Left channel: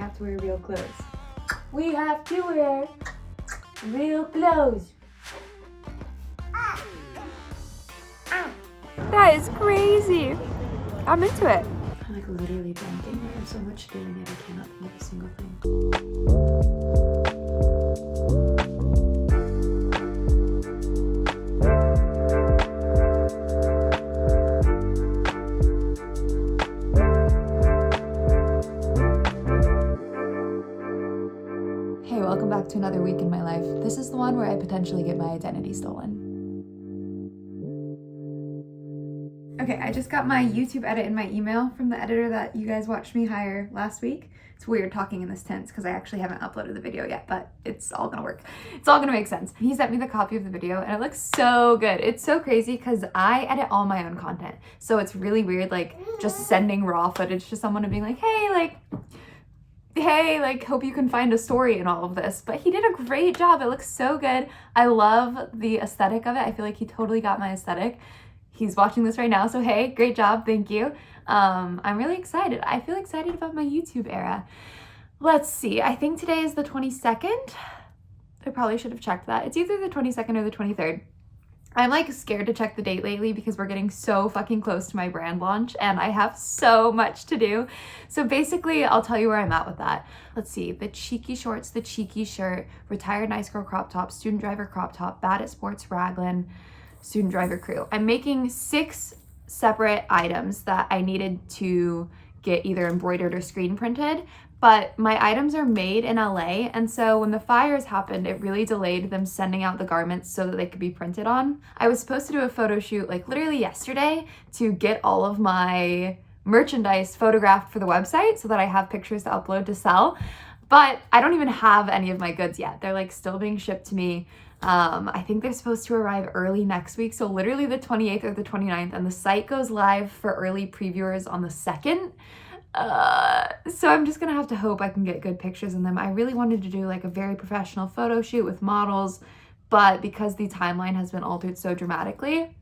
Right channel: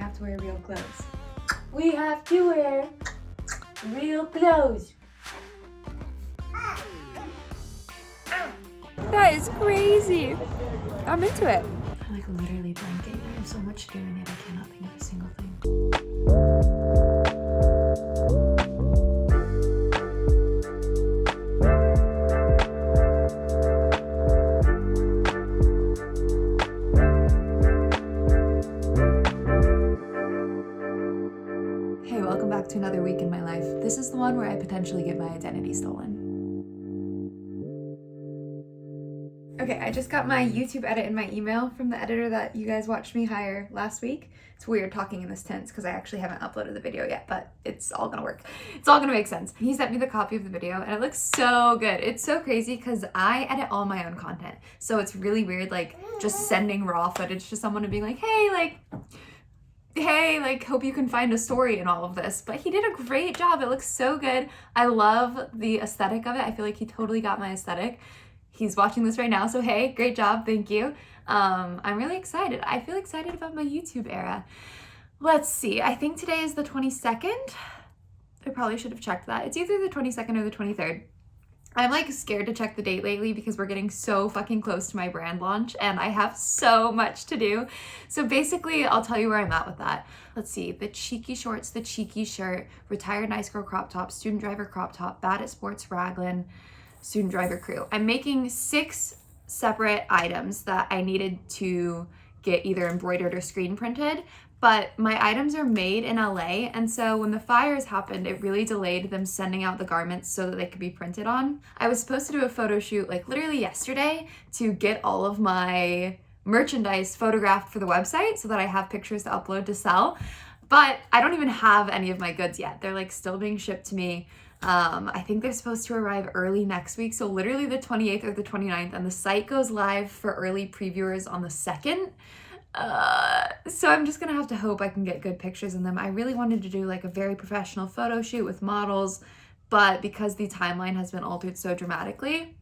We have to wear real clothes. We have to wear real clothes. That is crazy. I'm into it. I'm like literally blanking. I have so much to do and yet I cannot think of a single thing. Hey, welcome back to another week in my life. This is the one where I potentially get my identity stolen. Okay, I just got my YouTube edit in my email from the editor that you guys watched me hire last week. It's weird talking in this tense because I actually haven't uploaded the video yet, but it's all gonna work. It's all gonna make sense. He sent me the copy of the video and it looks so good. It's so crazy because I edit all my own content. So it's really weird, like just sending raw footage to someone and being like, hey, hope you can find a story in all of this. But he did a great job. It looks so good. I love the aesthetic of it. I feel like he totally got my aesthetic. He's watching this right now, so hey, great job, thank you. I'm really excited. I feel excited about my YouTube era. Let's see, I think today is the 22nd. I probably should have checked that. It's either the 22nd or the 23rd. I'm like scared to check the date lately because we're getting so fucking close to my brand launch and I have so much to do. So basically, I'll tell you where I'm at with that. Let's see, the cheeky shorts, the cheeky shirt, retired nice girl crop top, student driver crop top, bad at sports raglan, student driver crew. I'm making 6 separate items that I needed to get either embroidered or screen printed, but my items are made in LA, and so when the fires happened, it really delayed them sending out the garments so that they could be printed on. I was supposed to do a photo shoot like literally yesterday to get all of my merchandise photographed for the website so that I have pictures to upload to sell, but I don't even have any of my goods yet. They're like still being shipped to me. I think they're supposed to arrive early next week, so literally the 28th or the 29th, and the site goes live for early previewers on the 2nd. So I'm just gonna have to hope I can get good pictures in them. I really wanted to do like a very professional photo shoot with models, but because the timeline has been altered so dramatically,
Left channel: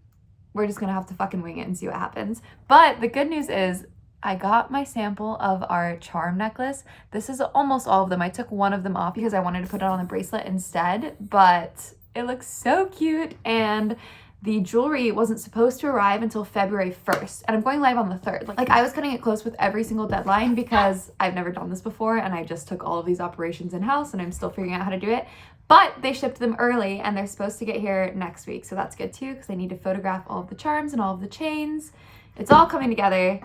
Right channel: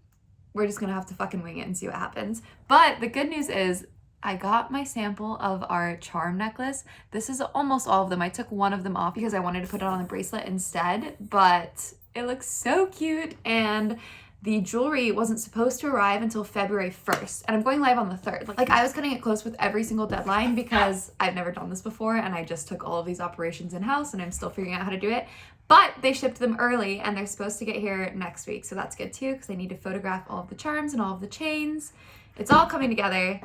we're just gonna have to fucking wing it and see what happens. But the good news is I got my sample of our charm necklace. This is almost all of them. I took one of them off because I wanted to put it on a bracelet instead, but it looks so cute. And the jewelry wasn't supposed to arrive until February 1st. And I'm going live on the 3rd. Like I was cutting it close with every single deadline because I've never done this before and I just took all of these operations in-house and I'm still figuring out how to do it. But they shipped them early and they're supposed to get here next week. So that's good too because I need to photograph all of the charms and all of the chains. It's all coming together.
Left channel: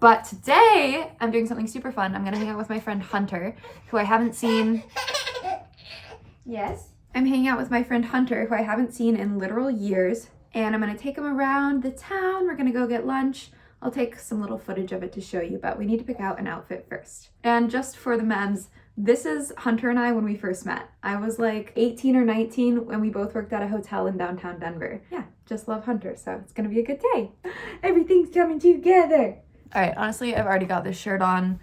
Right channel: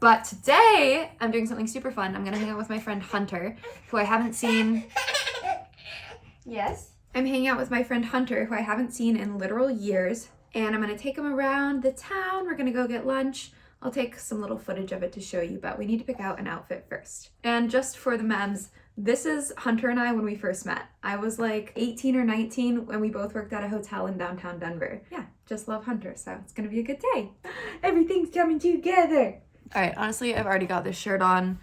But today, I'm doing something super fun. I'm gonna hang out with my friend Hunter, who I haven't seen. Yes? I'm hanging out with my friend Hunter, who I haven't seen in literal years. And I'm gonna take him around the town. We're gonna go get lunch. I'll take some little footage of it to show you, but we need to pick out an outfit first. And just for the memes, this is Hunter and I when we first met. I was like 18 or 19 when we both worked at a hotel in downtown Denver. Yeah, just love Hunter, so it's gonna be a good day. Everything's coming together. All right, honestly, I've already got this shirt on.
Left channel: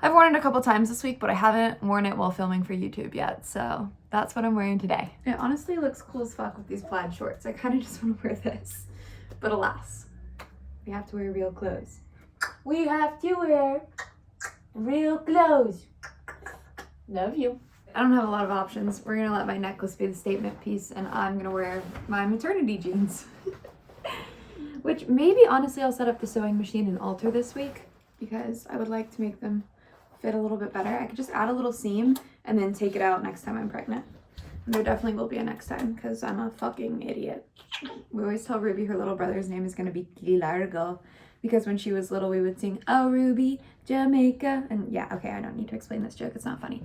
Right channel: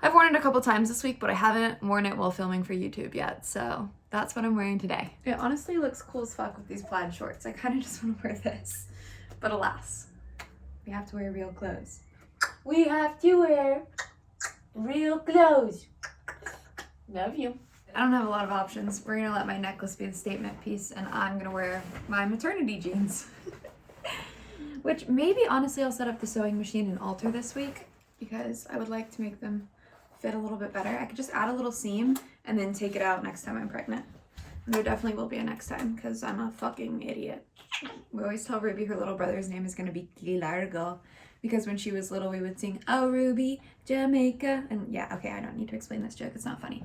I've worn it a couple times this week, but I haven't worn it while filming for YouTube yet, so that's what I'm wearing today. It honestly looks cool as fuck with these plaid shorts. I kind of just want to wear this, but alas, we have to wear real clothes. We have to wear real clothes. Love you. I don't have a lot of options. We're gonna let my necklace be the statement piece, and I'm gonna wear my maternity jeans. Which maybe honestly I'll set up the sewing machine and alter this week because I would like to make them fit a little bit better. I could just add a little seam and then take it out next time I'm pregnant. And there definitely will be a next time because I'm a fucking idiot. We always tell Ruby her little brother's name is gonna be Largo because when she was little we would sing, "Oh Ruby, Jamaica." And yeah, okay, I don't need to explain this joke, it's not funny.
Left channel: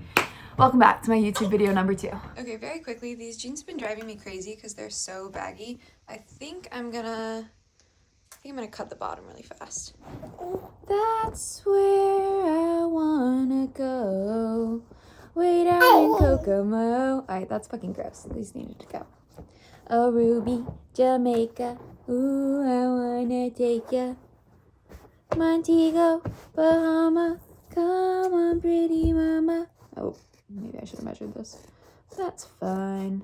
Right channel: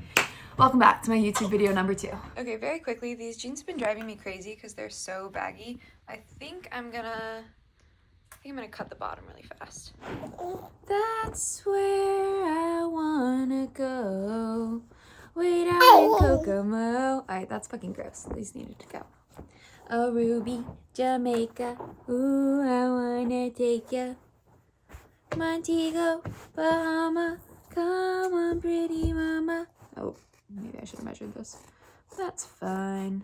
Welcome back to my YouTube video number 2. Okay, very quickly, these jeans have been driving me crazy because they're so baggy. I think I'm gonna cut the bottom really fast. That's where I wanna go, way down in Kokomo. All right, that's fucking gross. These needed to go. Oh, Ruby, Jamaica, ooh, I wanna take ya. Montego, Bahama, come on, pretty mama. Oh, maybe I should have measured this. That's fine.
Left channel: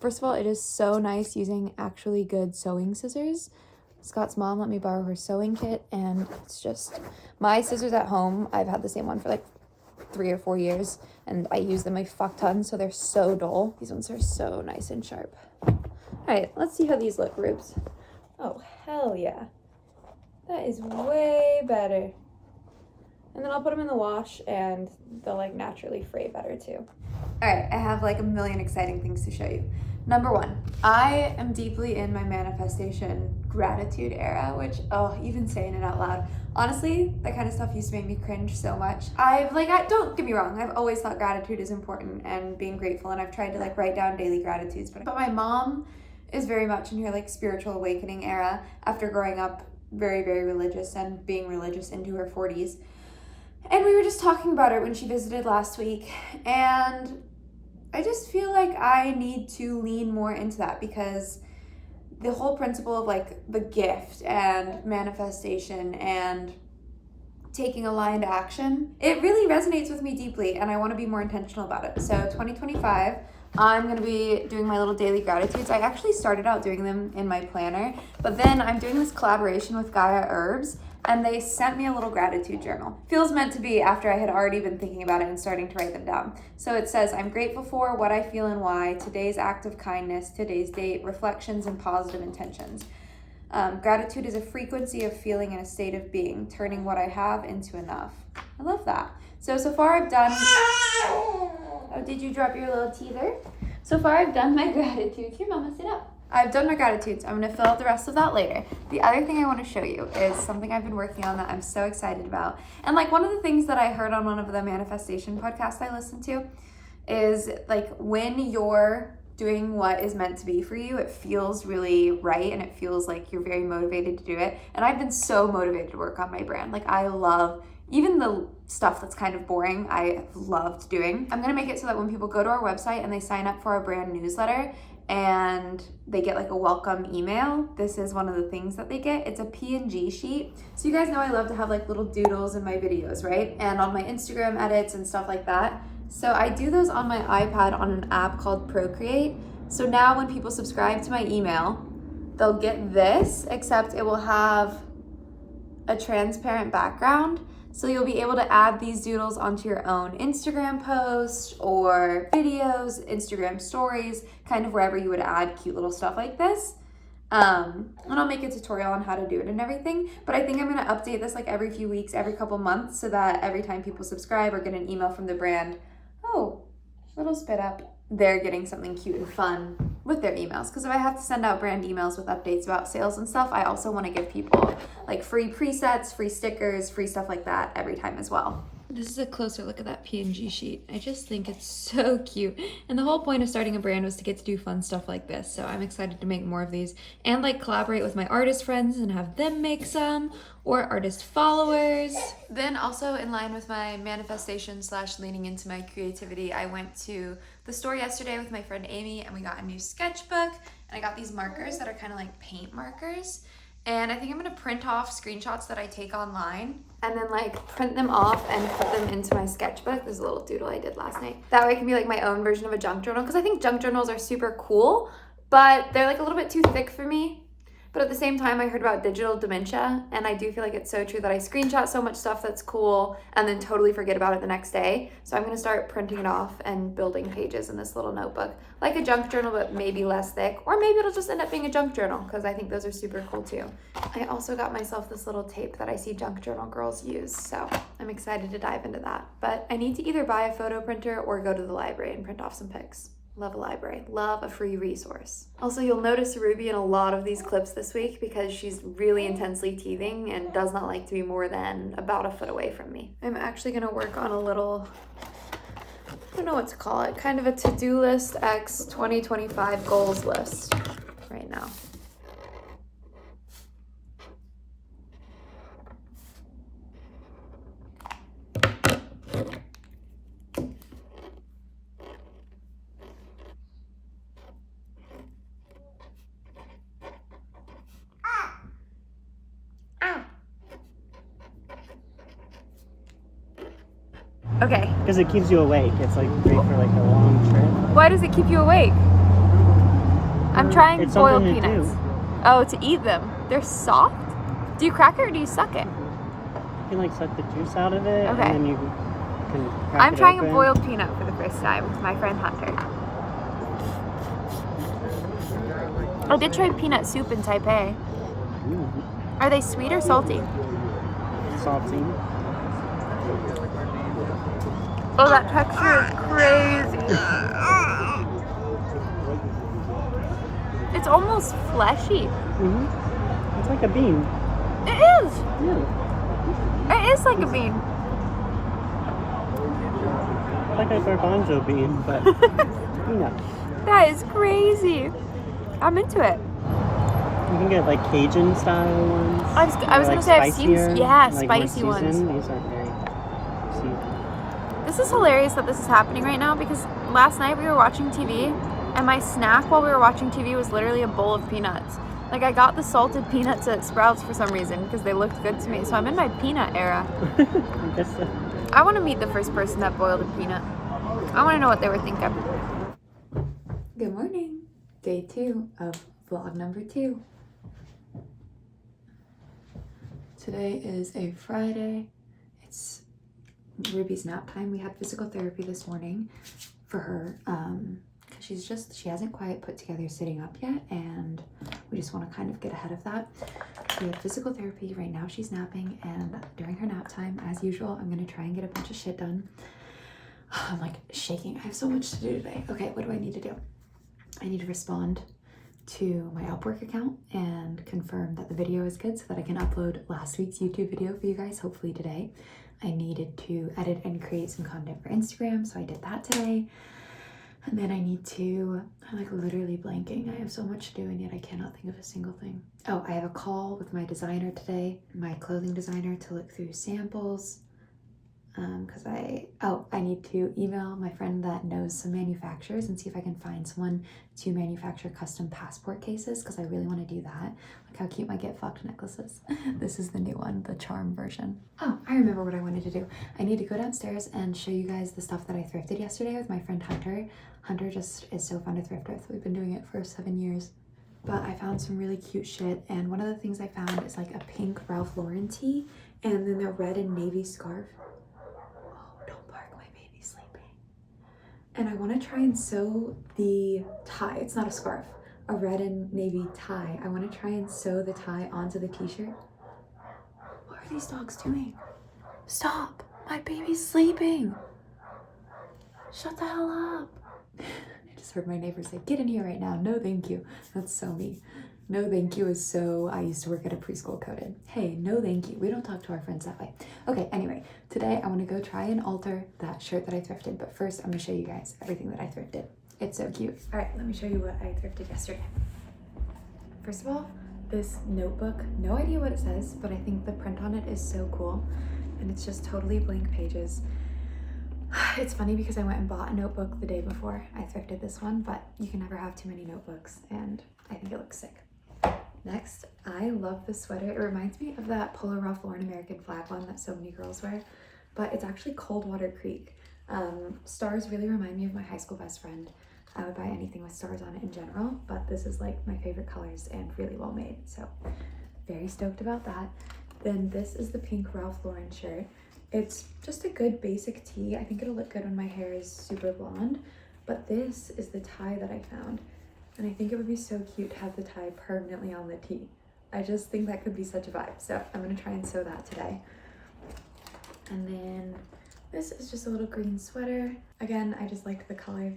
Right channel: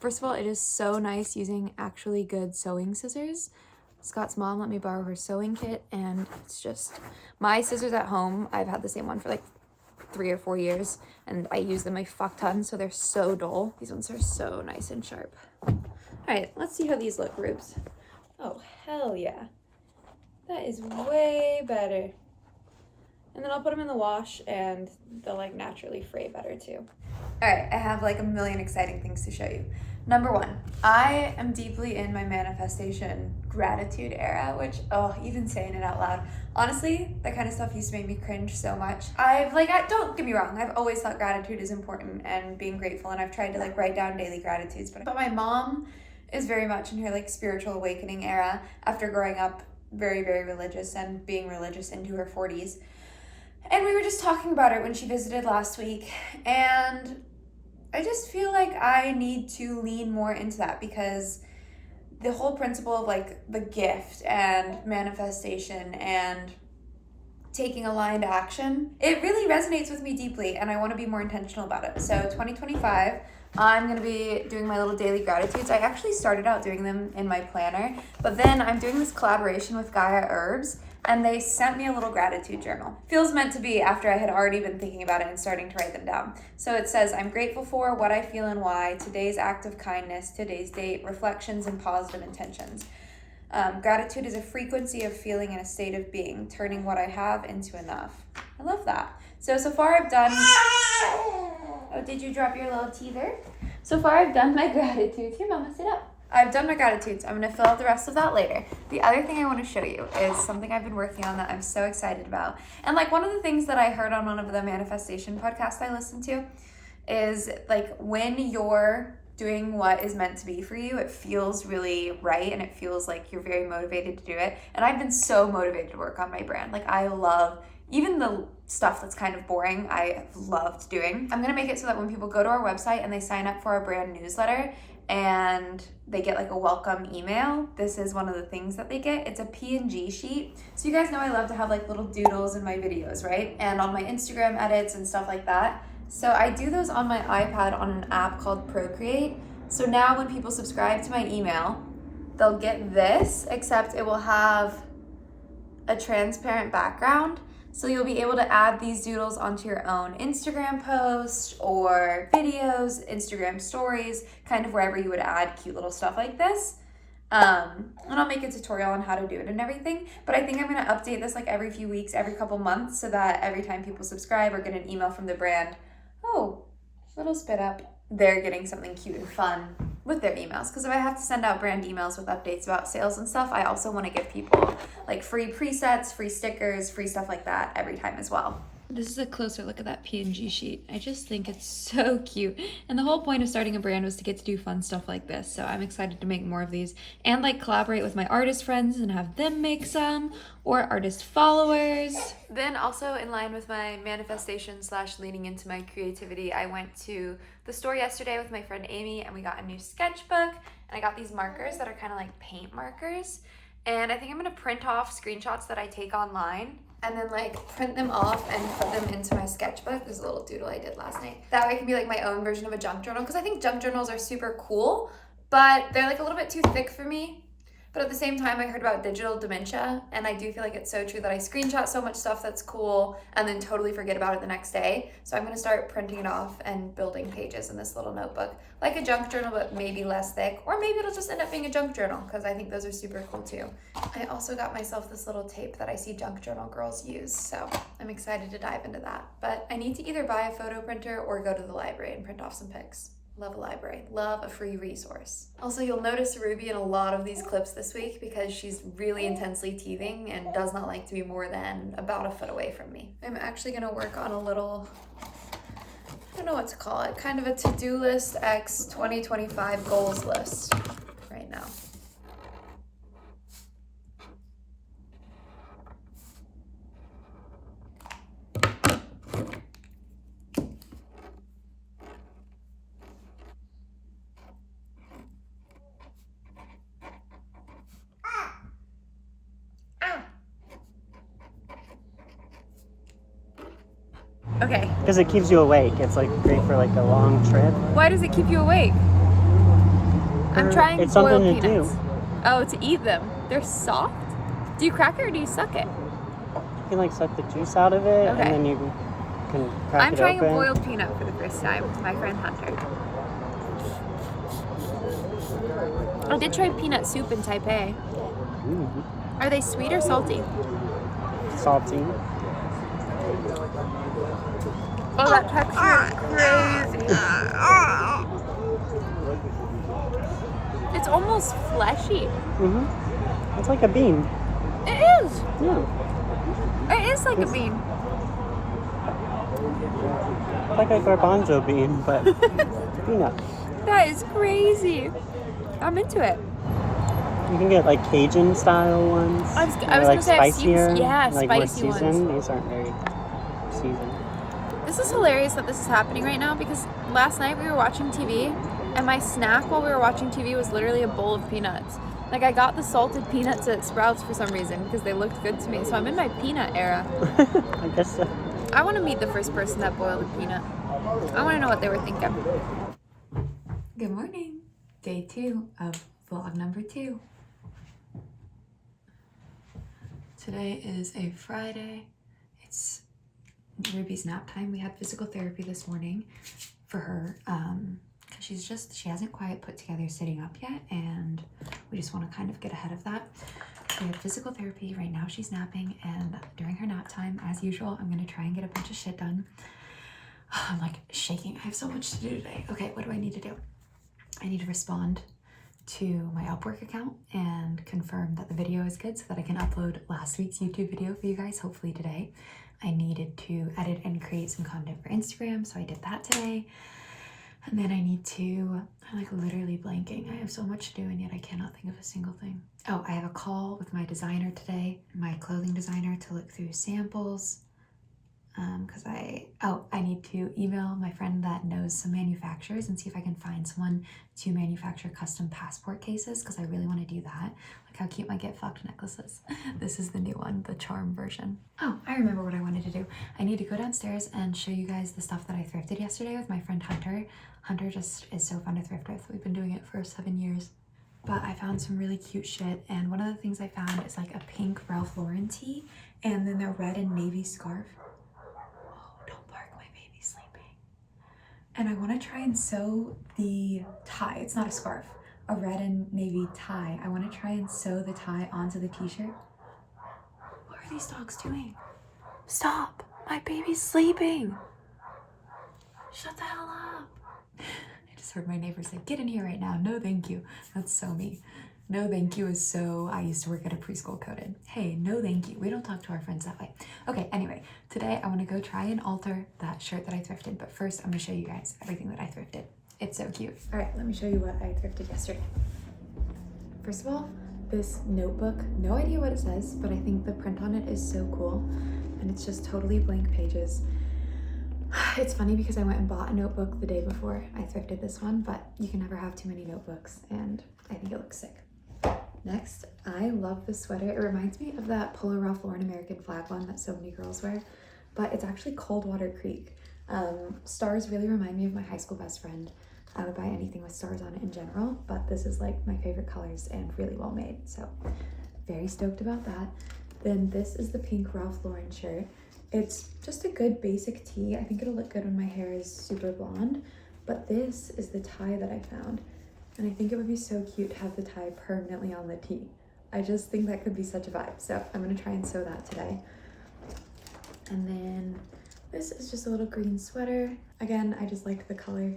First of all, it is so nice using actually good sewing scissors. Scott's mom let me borrow her sewing kit, and it's just my scissors at home. I've had the same one for like 3 or 4 years, and I use them a fuck ton, so they're so dull. These ones are so nice and sharp. All right, let's see how these look, Rubes. Oh, hell yeah. That is way better. And then I'll put them in the wash, and they'll like naturally fray better too. All right, I have like a million exciting things to show you. Number 1, I am deeply in my manifestation gratitude era, which, even saying it out loud, honestly, that kind of stuff used to make me cringe so much. Don't get me wrong, I've always thought gratitude is important and being grateful, and I've tried to like write down daily gratitudes, but my mom is very much in her like spiritual awakening era after growing up very, very religious and being religious into her 40s. And we were just talking about it when she visited last week, and I just feel like I need to lean more into that, because the whole principle of like the gift and manifestation and taking aligned action, it really resonates with me deeply, and I want to be more intentional about it. So 2025, I'm going to be doing my little daily gratitudes. I actually started out doing them in my planner, but then I'm doing this collaboration with Gaia Herbs, and they sent me a little gratitude journal. Feels meant to be after I had already been thinking about it and starting to write them down. So it says, I'm grateful for what I feel and why, today's act of kindness, today's date, reflections and positive intentions. Gratitude is a frequency of feeling and a state of being, turning what I have into enough. I love that. So far I've done, oh, did you drop your little teether? So far I've done my gratitudes. Here, Mama, sit up. I've done my gratitudes. I'm going to fill out the rest of that later. The other thing I want to show you is something I've been working on that I'm so excited about. And like one of the things that I heard on one of the manifestation podcasts I listened to is like when you're doing what is meant to be for you, it feels really right, and it feels like you're very motivated to do it. And I've been so motivated to work on my brand. Like I love even the stuff that's kind of boring, I loved doing. I'm going to make it so that when people go to our website and they sign up for our brand newsletter, and they get like a welcome email, this is one of the things that they get. It's a PNG sheet. So you guys know I love to have like little doodles in my videos, right? And on my Instagram edits and stuff like that. So I do those on my iPad on an app called Procreate. So now when people subscribe to my email, they'll get this, except it will have a transparent background. So you'll be able to add these doodles onto your own Instagram posts or videos, Instagram stories, kind of wherever you would add cute little stuff like this. And I'll make a tutorial on how to do it and everything. But I think I'm going to update this like every few weeks, every couple months, so that every time people subscribe or get an email from the brand, oh, little spit up, they're getting something cute and fun with their emails. Because if I have to send out brand emails with updates about sales and stuff, I also want to give people like free presets, free stickers, free stuff like that every time as well. This is a closer look at that PNG sheet. I just think it's so cute. And the whole point of starting a brand was to get to do fun stuff like this. So I'm excited to make more of these and like collaborate with my artist friends and have them make some, or artist followers. Then also in line with my manifestation / leaning into my creativity, I went to the store yesterday with my friend Amy, and we got a new sketchbook, and I got these markers that are kind of like paint markers. And I think I'm gonna print off screenshots that I take online and then like print them off and put them into my sketchbook. There's a little doodle I did last night. That way it can be like my own version of a junk journal, because I think junk journals are super cool, but they're like a little bit too thick for me. But at the same time, I heard about digital dementia, and I do feel like it's so true that I screenshot so much stuff that's cool and then totally forget about it the next day. So I'm gonna start printing it off and building pages in this little notebook, like a junk journal, but maybe less thick, or maybe it'll just end up being a junk journal, because I think those are super cool too. I also got myself this little tape that I see junk journal girls use, so I'm excited to dive into that. But I need to either buy a photo printer or go to the library and print off some pics. Love a library, love a free resource. Also, you'll notice Ruby in a lot of these clips this week because she's really intensely teething and does not like to be more than about a foot away from me. I'm actually gonna work on a little, I don't know what to call it, kind of a to-do list x 2025 goals list right now. Okay. Because it keeps you awake. It's like great for like a long trip. Why does it keep you awake? I'm trying boiled peanuts. Oh, to eat them. They're soft? Do you crack it or do you suck it? You can like suck the juice out of it, Okay. and then you can crack I'm it trying open. a boiled peanut for the first time with my friend Hunter. I did try peanut soup in Taipei. Mm, Are they sweet or salty? salty. Oh, that texture is crazy. It's almost fleshy. Mm-hmm. It's like a bean. It is. Yeah. It is like a bean. Like a garbanzo bean, but peanut. That is crazy. I'm into it. You can get like Cajun style ones. I was gonna say I've seen, yeah, like spicy more ones. seasoned. These aren't very seasoned. This is hilarious that this is happening right now because last night we were watching TV and my snack while we were watching TV was literally a bowl of peanuts. Like I got the salted peanuts at Sprouts for some reason because they looked good to me. So I'm in my peanut era. I guess so. I want to meet the first person that boiled a peanut. I want to know what they were thinking. Good morning. Day 2 of vlog number 2. Today is a Friday. It's Ruby's nap time. We had physical therapy this morning for her because she hasn't quite put together sitting up yet, and we just want to kind of get ahead of that. We have physical therapy right now. She's napping, and during her nap time, as usual, I'm gonna try and get a bunch of shit done. I'm like shaking. I have so much to do today. Okay, what do I need to do? I need to respond to my Upwork account and confirm that the video is good so that I can upload last week's YouTube video for you guys, hopefully today. I needed to edit and create some content for Instagram, so I did that today. And then I need to, I'm like literally blanking. I have so much to do and yet I cannot think of a single thing. Oh, I have a call with my designer today, my clothing designer, to look through samples. Because I need to email my friend that knows some manufacturers and see if I can find someone to manufacture custom passport cases, because I really want to do that. Like how cute my Get Fucked necklaces. This is the new one, the charm version. Oh, I remember what I wanted to do. I need to go downstairs and show you guys the stuff that I thrifted yesterday with my friend Hunter. Hunter just is so fun to thrift with. We've been doing it for 7 years. But I found some really cute shit, and one of the things I found is like a pink Ralph Lauren tee and then the red and navy scarf. And I want to try and sew the tie. It's not a scarf, a red and navy tie. I want to try and sew the tie onto the t-shirt. What are these dogs doing? Stop, my baby's sleeping. Shut the hell up. I just heard my neighbor say, get in here right now. No, thank you. That's so me. No, thank you is so, I used to work at a preschool coded. Hey, no, thank you. We don't talk to our friends that way. Okay, anyway, today I want to go try and alter that shirt that I thrifted. But first, I'm going to show you guys everything that I thrifted. It's so cute. All right, let me show you what I thrifted yesterday. First of all, this notebook, no idea what it says, but I think the print on it is so cool. And it's just totally blank pages. It's funny because I went and bought a notebook the day before I thrifted this one, but you can never have too many notebooks, and I think it looks sick. Next, I love this sweater. It reminds me of that Polo Ralph Lauren American flag one that so many girls wear, but it's actually Coldwater Creek. Stars really remind me of my high school best friend. I would buy anything with stars on it in general, but this is like my favorite colors and really well made, so very stoked about that. Then this is the pink Ralph Lauren shirt. It's just a good basic tee. I think it'll look good when my hair is super blonde, but this is the tie that I found. And I think it would be so cute to have the tie permanently on the tee. I just think that could be such a vibe. So I'm gonna try and sew that today. And then this is just a little green sweater. Again, I just like the color.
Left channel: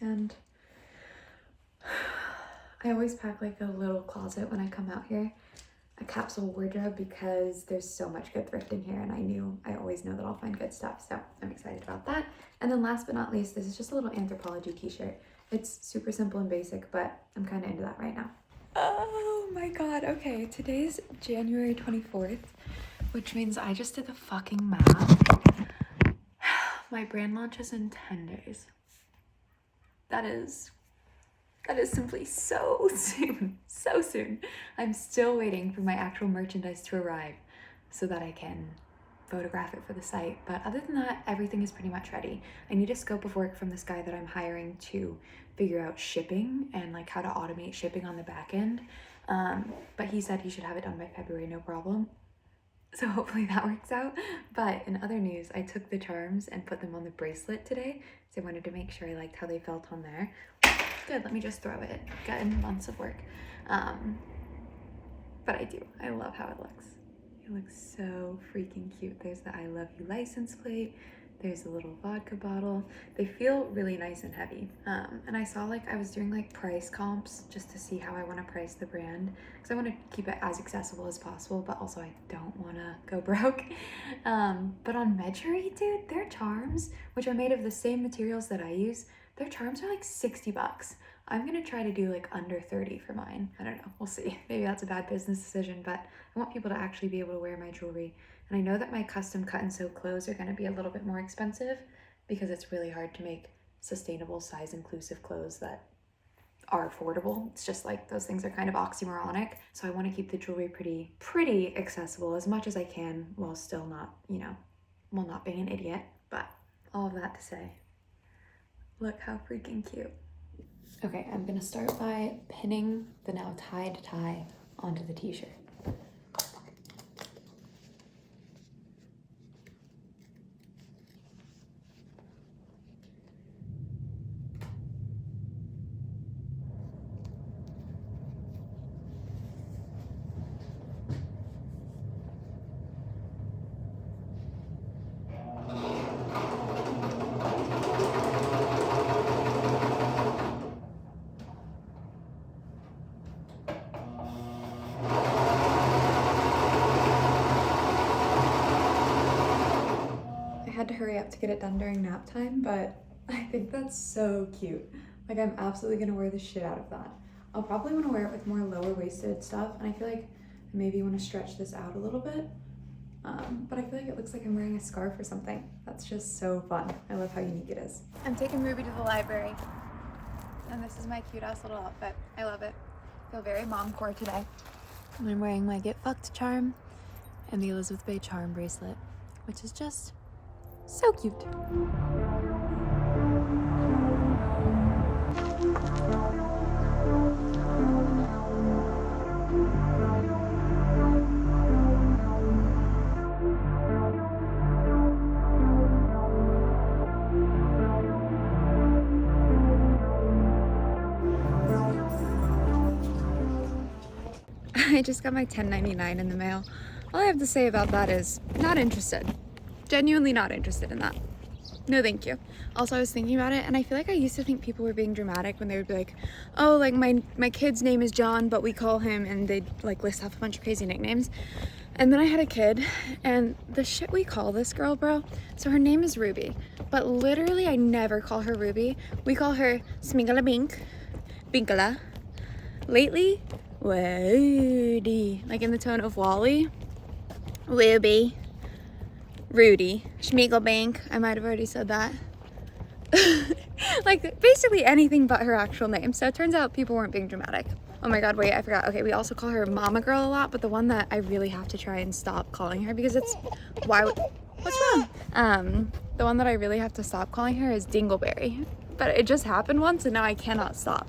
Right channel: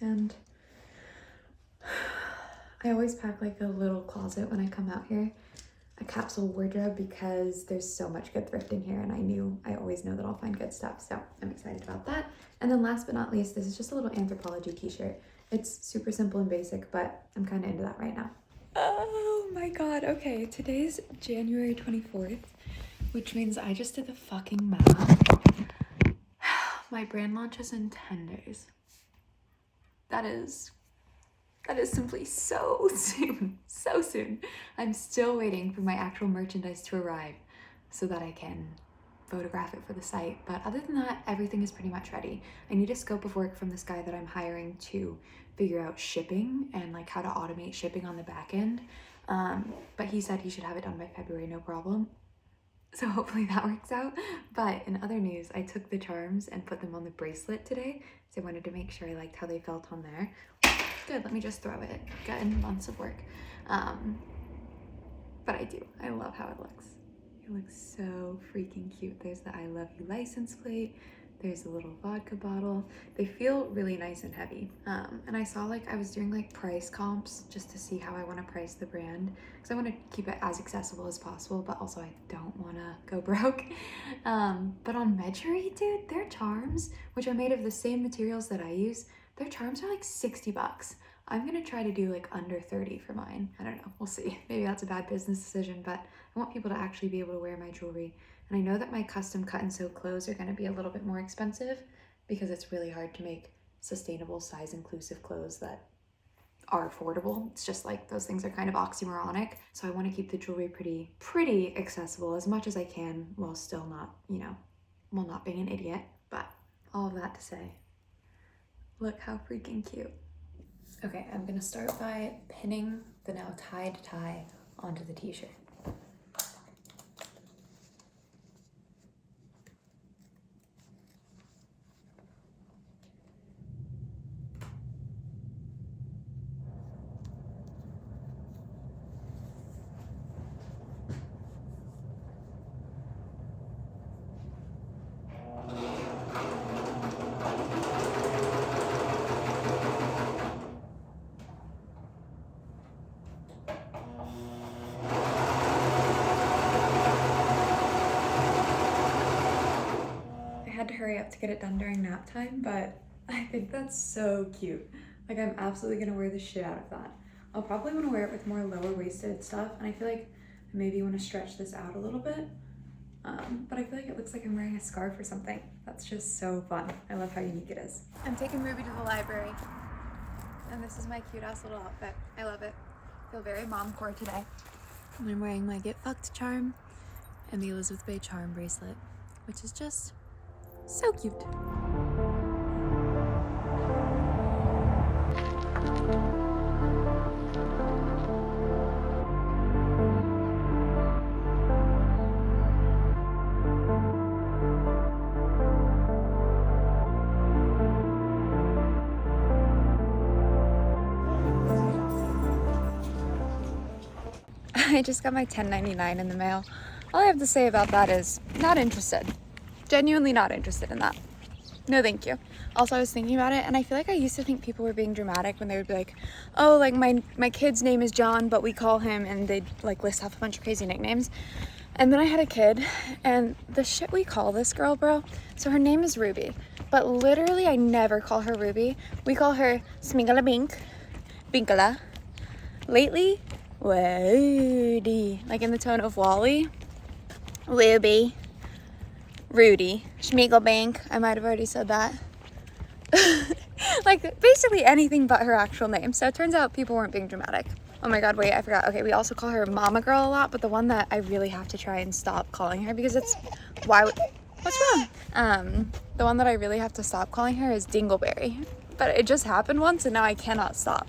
And I always pack like a little closet when I come out here, a capsule wardrobe, because there's so much good thrifting here, and I always know that I'll find good stuff. So I'm excited about that. And then last but not least, this is just a little Anthropologie t-shirt. It's super simple and basic, but I'm kind of into that right now. Oh my god, okay, today's January 24th, which means I just did the fucking math. My brand launch is in 10 days. That is simply so soon, so soon. I'm still waiting for my actual merchandise to arrive so that I can photograph it for the site, but other than that, everything is pretty much ready. I need a scope of work from this guy that I'm hiring to figure out shipping and like how to automate shipping on the back end. But he said he should have it done by February, no problem. So hopefully that works out. But in other news, I took the charms and put them on the bracelet today. So I wanted to make sure I liked how they felt on there. Good, let me just throw it. Gotten months of work. But I do. I love how it looks. It looks so freaking cute. There's the I love you license plate. There's a little vodka bottle. They feel really nice and heavy. And I saw like I was doing like price comps just to see how I want to price the brand, because I want to keep it as accessible as possible, but also I don't want to go broke. But on Medjugorje, dude, their charms, which are made of the same materials that I use, their charms are like 60 bucks. I'm gonna try to do like under 30 for mine. I don't know, we'll see. Maybe that's a bad business decision, but I want people to actually be able to wear my jewelry. And I know that my custom cut and sew clothes are gonna be a little bit more expensive because it's really hard to make sustainable size inclusive clothes that are affordable. It's just like those things are kind of oxymoronic. So I wanna keep the jewelry pretty accessible as much as I can while still not, while not being an idiot. But all of that to say, look how freaking cute. Okay, I'm gonna start by pinning the now tied tie onto the t-shirt. I had to hurry up to get it done during nap time, but I think that's so cute. Like, I'm absolutely gonna wear the shit out of that. I'll probably wanna wear it with more lower waisted stuff, and I feel like I maybe wanna stretch this out a little bit. But I feel like it looks like I'm wearing a scarf or something. That's just so fun. I love how unique it is. I'm taking Ruby to the library, and this is my cute ass little outfit. I love it. I feel very mom-core today. And I'm wearing my Get Fucked charm and the Elizabeth Bay charm bracelet, which is just so cute. I just got my $10.99 in the mail. All I have to say about that is not interested. Genuinely not interested in that. No, thank you. Also, I was thinking about it, and I feel like I used to think people were being dramatic when they would be like, oh, like my kid's name is John, but we call him, and they'd like list off a bunch of crazy nicknames. And then I had a kid, and the shit we call this girl, bro. So her name is Ruby, but literally I never call her Ruby. We call her Smingala Bink, Binkala. Lately, Woody, like in the tone of Wally. Ruby. Rudy, Schmiegelbank, I might have already said that. Like basically anything but her actual name. So it turns out people weren't being dramatic. Oh my god, wait, I forgot. Okay, we also call her Mama Girl a lot, but the one that I really have to try and stop calling her because it's, what's wrong? The one that I really have to stop calling her is Dingleberry. But it just happened once and now I cannot stop.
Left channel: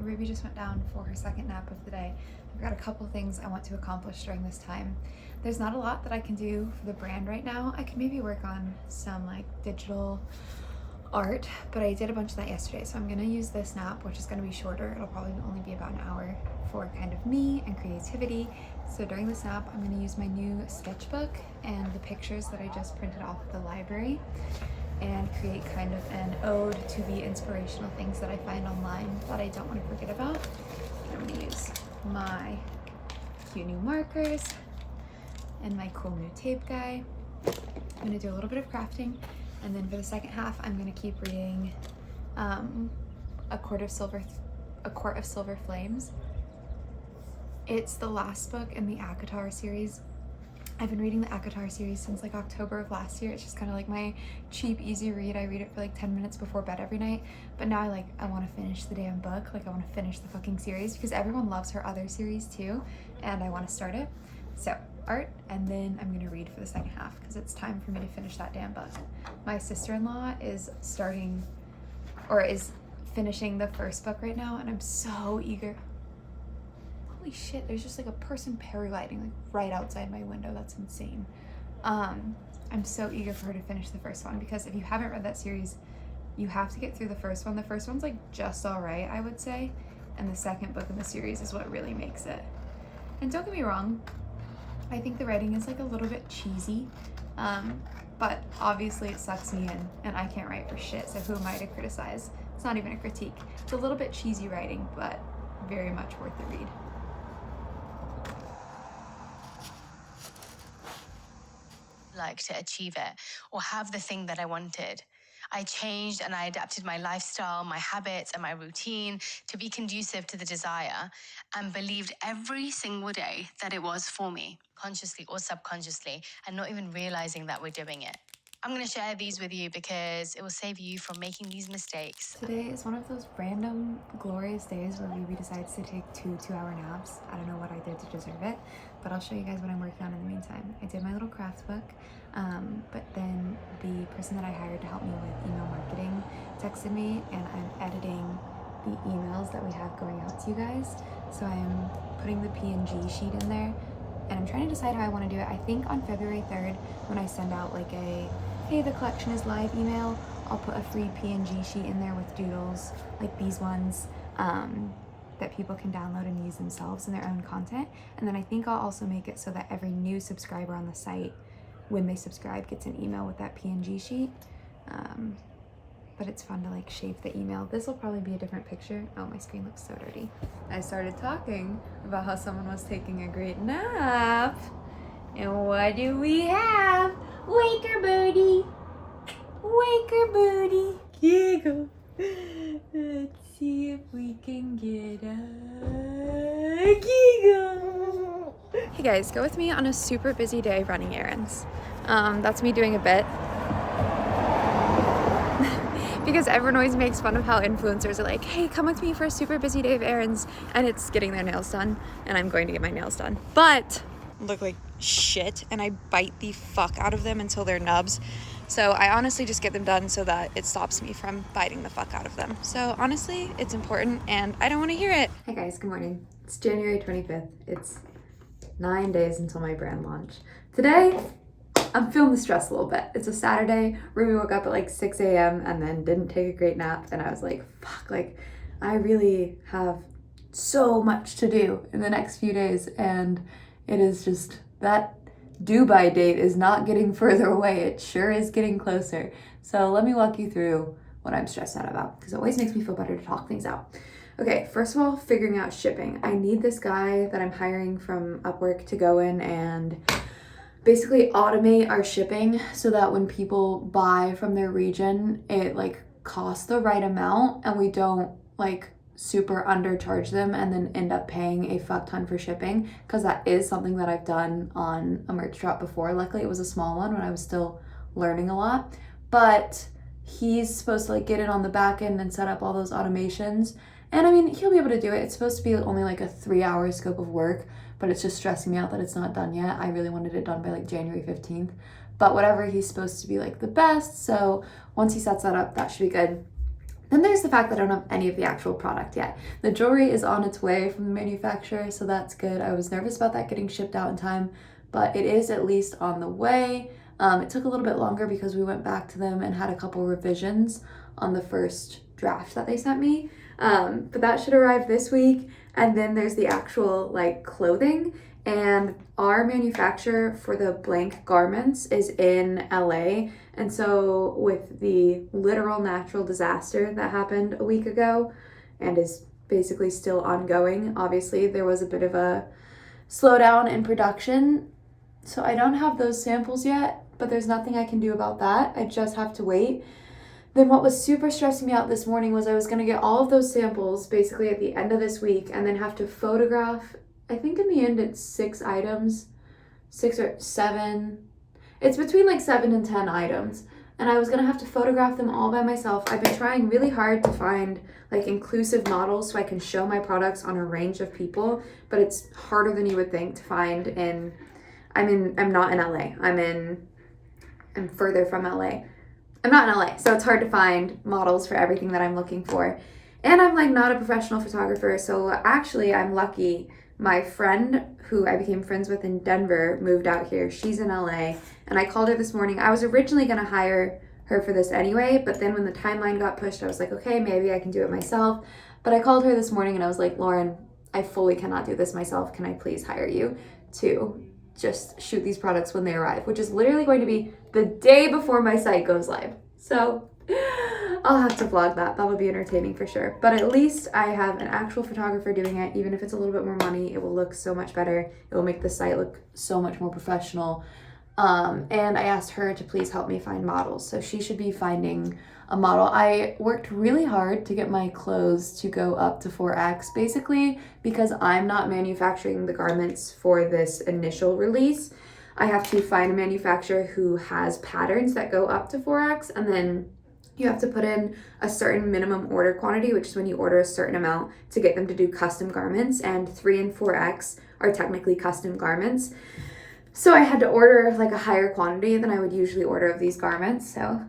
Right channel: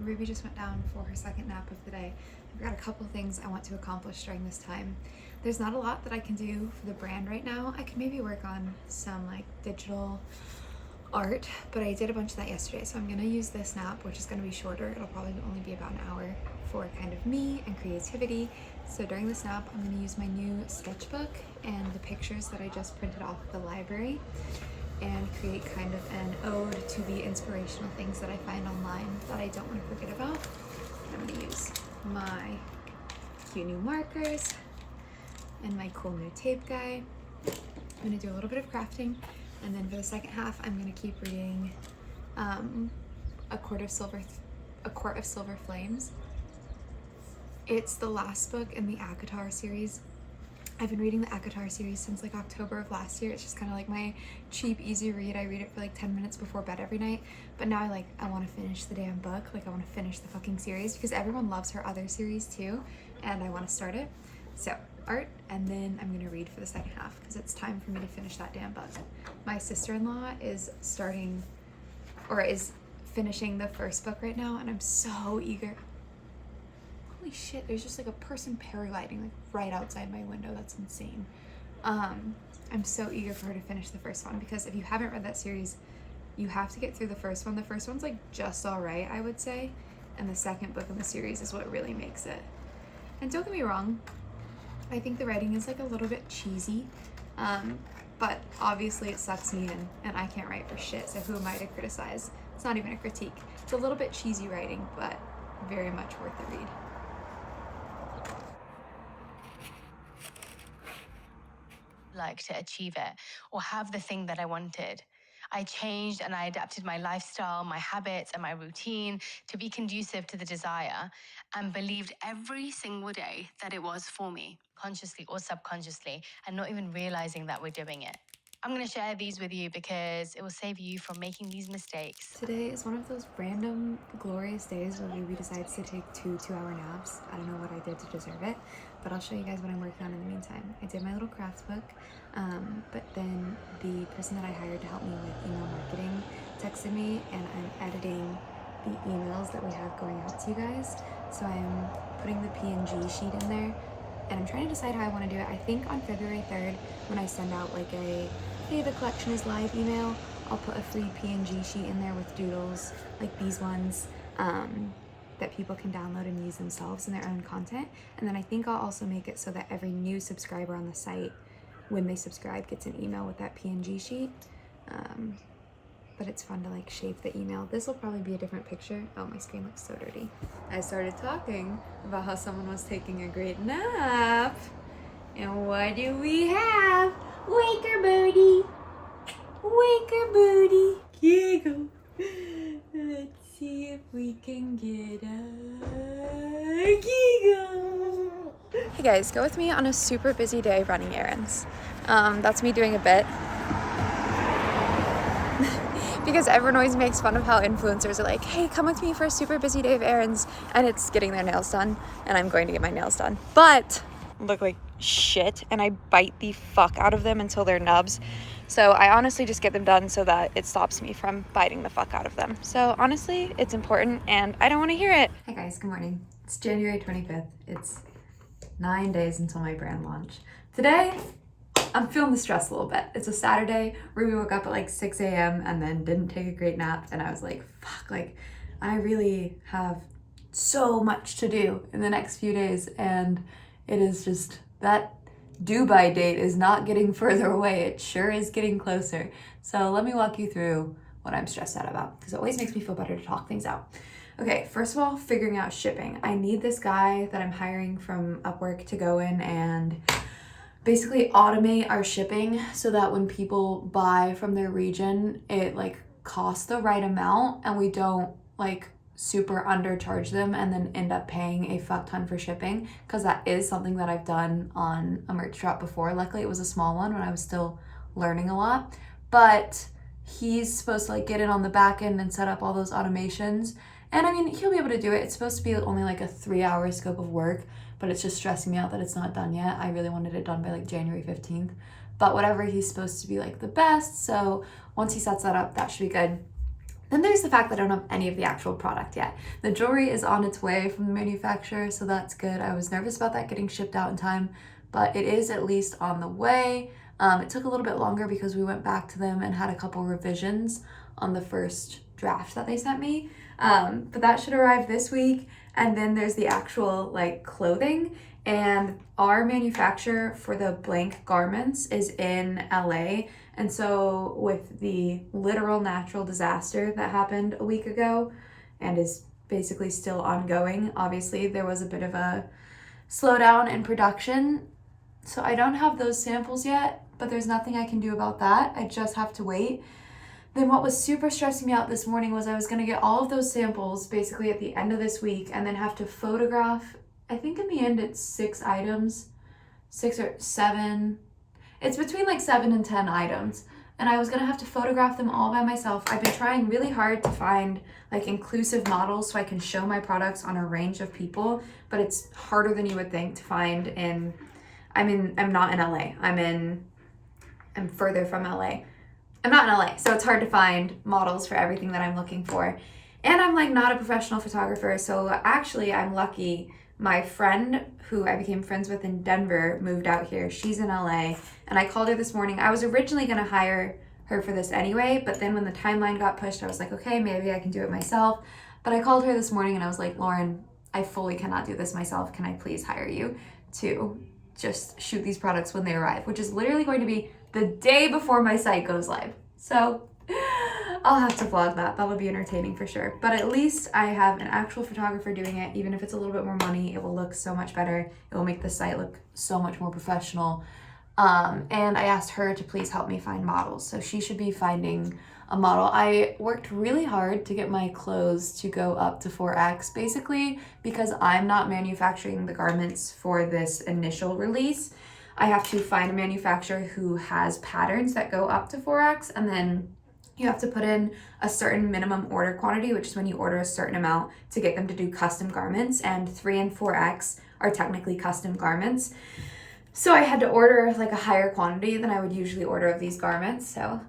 Ruby just went down for her second nap of the day. I've got a couple things I want to accomplish during this time. There's not a lot that I can do for the brand right now. I can maybe work on some like digital art, but I did a bunch of that yesterday. So I'm gonna use this nap, which is gonna be shorter. It'll probably only be about an hour for kind of me and creativity. So during this nap, I'm gonna use my new sketchbook and the pictures that I just printed off at the library and create kind of an ode to the inspirational things that I find online that I don't want to forget about. I'm going to use my cute new markers and my cool new tape guy. I'm going to do a little bit of crafting, and then for the second half I'm going to keep reading A Court of Silver Flames. It's the last book in the ACOTAR series. I've been reading the ACOTAR series since like October of last year. It's just kind of like my cheap, easy read. I read it for like 10 minutes before bed every night. But now I want to finish the damn book. Like I want to finish the fucking series because everyone loves her other series too. And I want to start it. So art, and then I'm gonna read for the second half because it's time for me to finish that damn book. My sister-in-law is finishing the first book right now, and I'm so eager. Holy shit, there's just like a person paragliding like right outside my window. That's insane. I'm so eager for her to finish the first one, because if you haven't read that series, you have to get through the first one. The first one's like just all right, I would say, and the second book in the series is what really makes it. And don't get me wrong, I think the writing is like a little bit cheesy, but obviously it sucks me in, and I can't write for shit, so who am I to criticize? It's not even a critique. It's a little bit cheesy writing, but very much worth the read. Like to achieve it or have the thing that I wanted. I changed and I adapted my lifestyle, my habits, and my routine to be conducive to the desire, and believed every single day that it was for me, consciously or subconsciously, and not even realizing that we're doing it. I'm going to share these with you because it will save you from making these mistakes. Today is one of those random glorious days where Ruby decides to take 2-hour naps. I don't know what I did to deserve it, but I'll show you guys what I'm working on in the meantime. I did my little craft book, but then the person that I hired to help me with email marketing texted me, and I'm editing the emails that we have going out to you guys. So I'm putting the PNG sheet in there, and I'm trying to decide how I want to do it. I think on February 3rd, when I send out like a hey, the collection is live email, I'll put a free PNG sheet in there with doodles like these ones that people can download and use themselves in their own content. And then I think I'll also make it so that every new subscriber on the site, when they subscribe, gets an email with that PNG sheet. But it's fun to like shape the email. This will probably be a different picture. Oh, my screen looks so dirty. I started talking about how someone was taking a great nap. And what do we have? Wake her, birdie. Wake her, booty. Giggle. Let's see if we can get a giggle. Hey guys, go with me on a super busy day running errands. That's me doing a bit. Because everyone always makes fun of how influencers are like, hey, come with me for a super busy day of errands. And it's getting their nails done. And I'm going to get my nails done. But look like shit, and I bite the fuck out of them until they're nubs. So I honestly just get them done so that it stops me from biting the fuck out of them. So honestly, it's important, and I don't want to hear it. Hi guys, good morning. It's January 25th. It's 9 days until my brand launch. Today, I'm feeling the stress a little bit. It's a Saturday. Ruby woke up at like 6 a.m. and then didn't take a great nap, and I was like, fuck, like I really have so much to do in the next few days, and it is just that due by date is not getting further away. It sure is getting closer. So let me walk you through what I'm stressed out about, because it always makes me feel better to talk things out. Okay, first of all, figuring out shipping. I need this guy that I'm hiring from Upwork to go in and basically automate our shipping so that when people buy from their region, it like costs the right amount and we don't like super undercharge them and then end up paying a fuck ton for shipping, because that is something that I've done on a merch drop before. Luckily it was a small one when I was still learning a lot, but he's supposed to like get in on the back end and set up all those automations, and I mean he'll be able to do it. It's supposed to be only like a 3-hour scope of work, but it's just stressing me out that it's not done yet. I really wanted it done by like January 15th, but whatever, he's supposed to be like the best. So once he sets that up, that should be good. Then there's the fact that I don't have any of the actual product yet. The jewelry is on its way from the manufacturer, so that's good. I was nervous about that getting shipped out in time, but it is at least on the way. It took a little bit longer because we went back to them and had a couple revisions on the first draft that they sent me. But that should arrive this week. And then there's the actual like clothing, and our manufacturer for the blank garments is in LA. And so with the literal natural disaster that happened a week ago and is basically still ongoing, obviously there was a bit of a slowdown in production. So I don't have those samples yet, but there's nothing I can do about that. I just have to wait. Then what was super stressing me out this morning was I was going to get all of those samples basically at the end of this week and then have to photograph, I think in the end it's 6 items, 6 or 7. It's between like 7 and 10 items. And I was going to have to photograph them all by myself. I've been trying really hard to find like inclusive models so I can show my products on a range of people, but it's harder than you would think to find in, I'm not in LA. I'm further from LA. I'm not in LA, so it's hard to find models for everything that I'm looking for. And I'm like not a professional photographer, so actually I'm lucky. My friend who I became friends with in Denver moved out here. She's in LA, and I called her this morning. I was originally gonna hire her for this anyway, but then when the timeline got pushed, I was like, okay, maybe I can do it myself. But I called her this morning and I was like, Lauren, I fully cannot do this myself. Can I please hire you to just shoot these products when they arrive, which is literally going to be the day before my site goes live. So I'll have to vlog that. That'll be entertaining for sure. But at least I have an actual photographer doing it. Even if it's a little bit more money, it will look so much better. It will make the site look so much more professional. And I asked her to please help me find models. So she should be finding a model. I worked really hard to get my clothes to go up to 4X, basically because I'm not manufacturing the garments for this initial release. I have to find a manufacturer who has patterns that go up to 4X, and then you have to put in a certain minimum order quantity, which is when you order a certain amount to get them to do custom garments, and 3 and 4X are technically custom garments. So I had to order like a higher quantity than I would usually order of these garments. So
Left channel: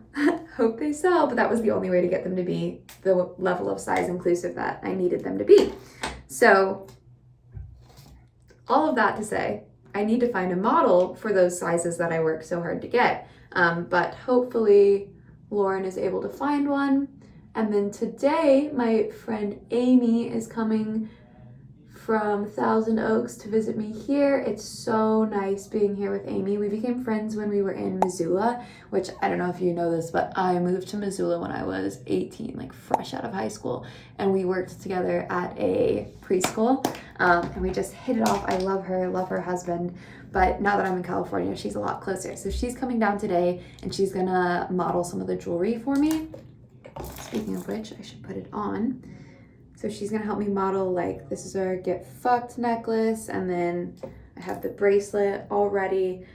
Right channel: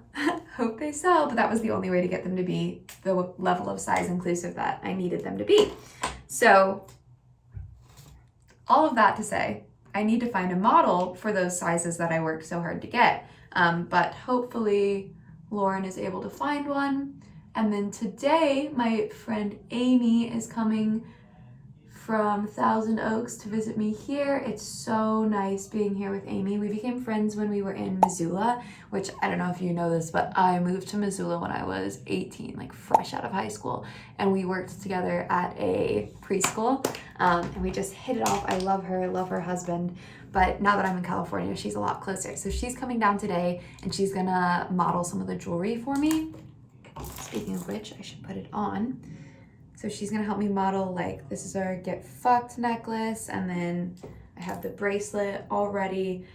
hope they sell, but that was the only way to get them to be the level of size inclusive that I needed them to be. So all of that to say, I need to find a model for those sizes that I worked so hard to get. But hopefully Lauren is able to find one. And then today, my friend Amy is coming from Thousand Oaks to visit me here. It's so nice being here with Amy. We became friends when we were in Missoula, which I don't know if you know this, but I moved to Missoula when I was 18, like fresh out of high school. And we worked together at a preschool, and we just hit it off. I love her husband. But now that I'm in California, she's a lot closer. So she's coming down today and she's gonna model some of the jewelry for me. Speaking of which, I should put it on. So she's gonna help me model, like, this is our Get Fucked necklace, and then I have the bracelet already.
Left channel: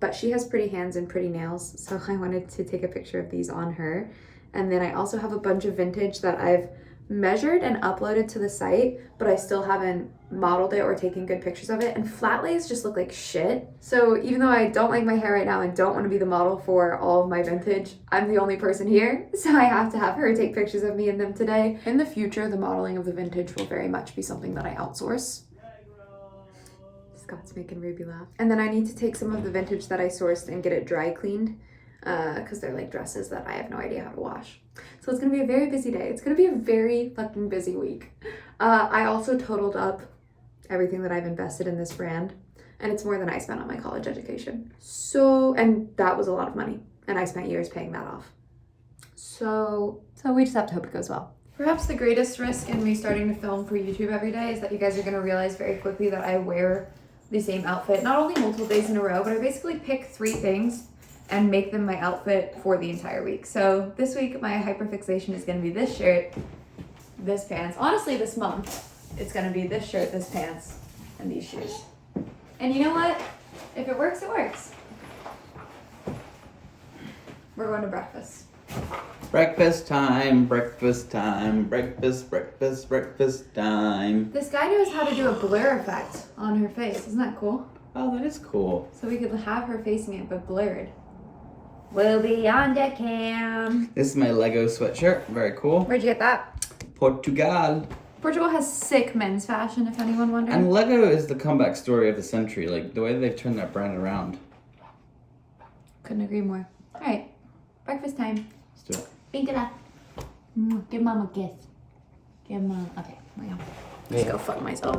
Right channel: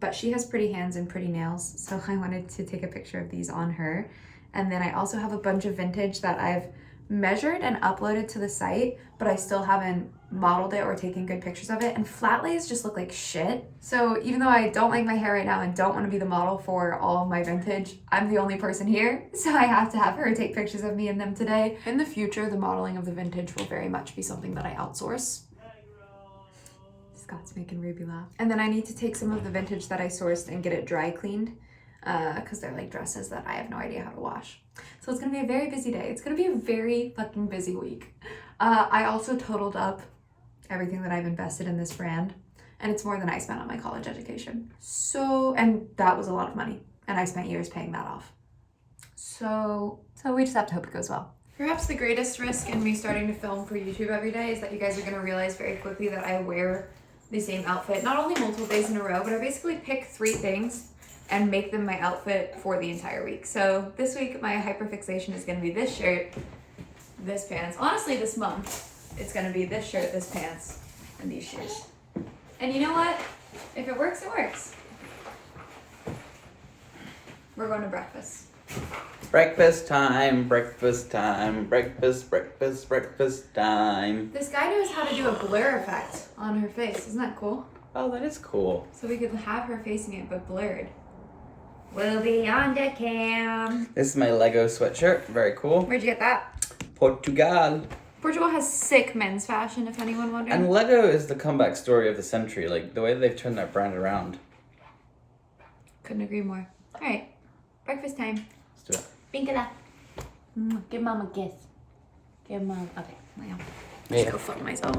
But she has pretty hands and pretty nails, so I wanted to take a picture of these on her. And then I also have a bunch of vintage that I've measured and uploaded to the site, but I still haven't modeled it or taken good pictures of it. And flat lays just look like shit. So even though I don't like my hair right now and don't want to be the model for all of my vintage, I'm the only person here, so I have to have her take pictures of me in them today. In the future, the modeling of the vintage will very much be something that I outsource. Scott's making Ruby laugh. And then I need to take some of the vintage that I sourced and get it dry cleaned, because they're like dresses that I have no idea how to wash. So it's gonna be a very busy day. It's gonna be a very fucking busy week. I also totaled up everything that I've invested in this brand, and it's more than I spent on my college education. And that was a lot of money, and I spent years paying that off. So we just have to hope it goes well. Perhaps the greatest risk in me starting to film for YouTube every day is that you guys are gonna realize very quickly that I wear the same outfit, not only multiple days in a row, but I basically pick 3 things and make them my outfit for the entire week. So this week, my hyperfixation is gonna be this shirt, this pants. Honestly, this month, it's gonna be this shirt, this pants, and these shoes. And you know what? If it works, it works. We're going to breakfast. Breakfast time, breakfast time, breakfast time. This guy knows how to do a blur effect on her face. Isn't that cool? Oh, that is cool. So we could have her facing it, but blurred. We'll be on the cam. This is my Lego sweatshirt. Very cool. Where'd you get that? Portugal. Portugal has sick men's fashion, if anyone wonders. And Lego is the comeback story of the century. Like, the way they've turned that brand around. Couldn't agree more. All right, breakfast time. Let's do it. Pinkala. Give mom a kiss. Give mom. Okay, well, just go fuck myself.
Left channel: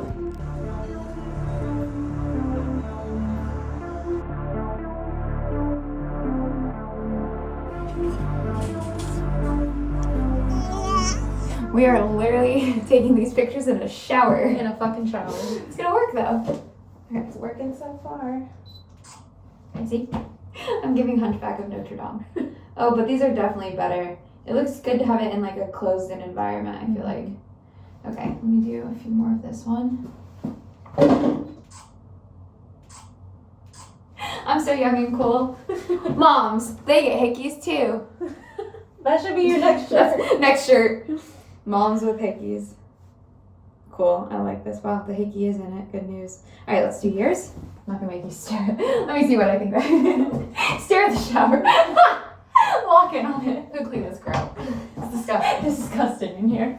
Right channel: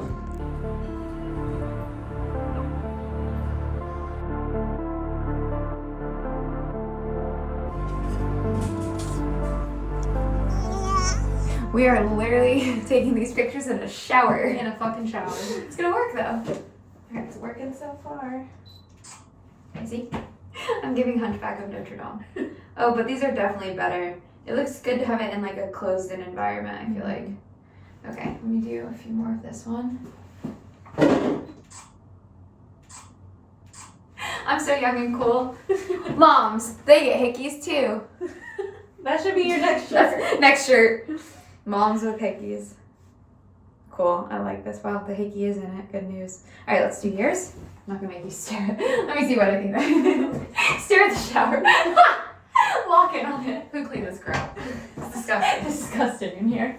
We are literally taking these pictures in a shower. In a fucking shower. It's gonna work though. It's working so far. See? I'm giving Hunchback of Notre Dame. Oh, but these are definitely better. It looks good to have it in like a closed-in environment, I feel like. Okay, let me do a few more of this one. I'm so young and cool. Moms, they get hickeys too. That should be your next shirt. Next shirt. Moms with hickeys. Cool. I like this. Wow, the hickey is in it. Good news. All right, let's do yours. I'm not gonna make you stare. Let me see what I think. Stare at the shower. Lock in on it. Who cleaned this girl? It's disgusting. It's disgusting in here.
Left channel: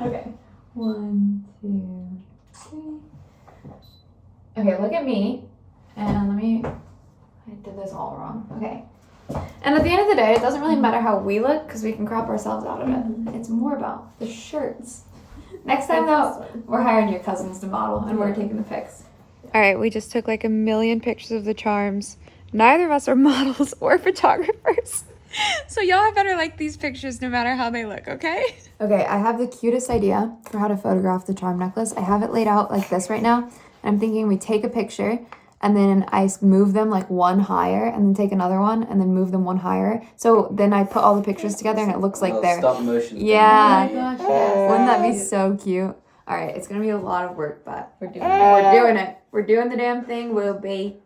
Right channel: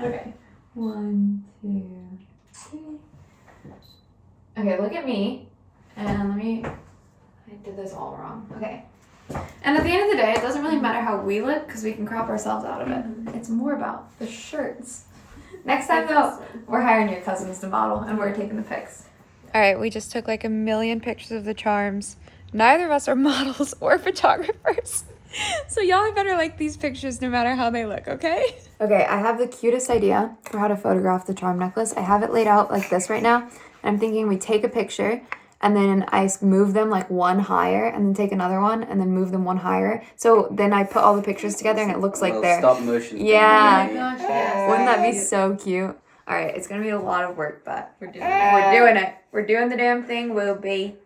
Okay. 1, 2, 3. Okay, look at me. And I did this all wrong. Okay. And at the end of the day, it doesn't really matter how we look because we can crop ourselves out of it. It's more about the shirts. Next time though, we're hiring your cousins to model and we're taking the pics. All right, we just took like a million pictures of the charms. Neither of us are models or photographers. So y'all better like these pictures no matter how they look, okay? Okay, I have the cutest idea for how to photograph the charm necklace. I have it laid out like this right now. And I'm thinking we take a picture and then I move them like one higher and then take another one and then move them one higher. So then I put all the pictures together and it looks like they're... Stop motion. Yeah. Oh my gosh, yes. Wouldn't that be so cute? All right, it's going to be a lot of work, but we're doing it. We're doing it. We're doing the damn thing, will be.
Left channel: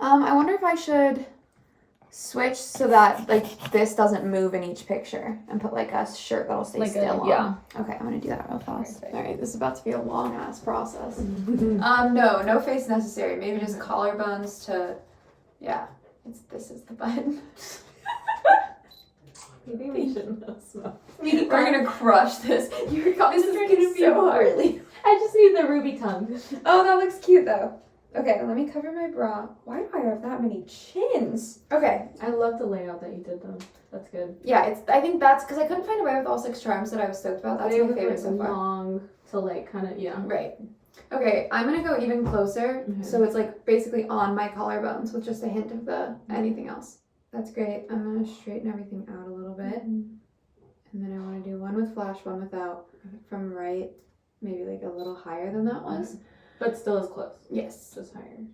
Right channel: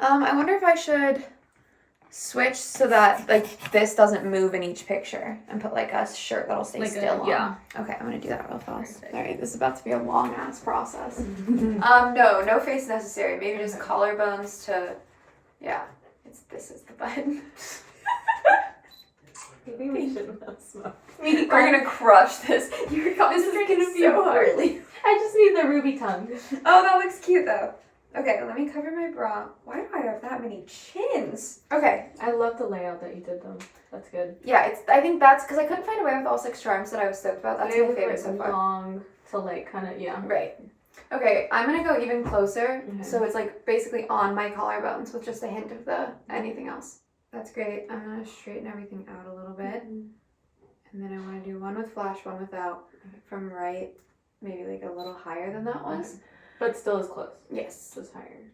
I wonder if I should switch so that like this doesn't move in each picture and put like a shirt that'll stay still on. Yeah. Okay, I'm gonna do that real fast. All right, this is about to be a long ass process. No face necessary. Maybe just collarbones to, yeah. This is the button. Maybe we shouldn't have smoke. We're gonna crush this. This is gonna be so hard. I just need the ruby tongue. Oh, that looks cute though. Okay, let me cover my bra. Why do I have that many chins? Okay. I love the layout that you did though. That's good. Yeah, I think that's because I couldn't find a way with all 6 charms that I was stoked about. That's my favorite so far. Long to like kind of, yeah. Right. Okay, I'm gonna go even closer. So it's like basically on my collarbones with just a hint of the anything else. That's great. I'm gonna straighten everything out a little bit. And then I want to do one with flash, one without from right. Maybe like a little higher than that was. But still as close. Yes. Just higher.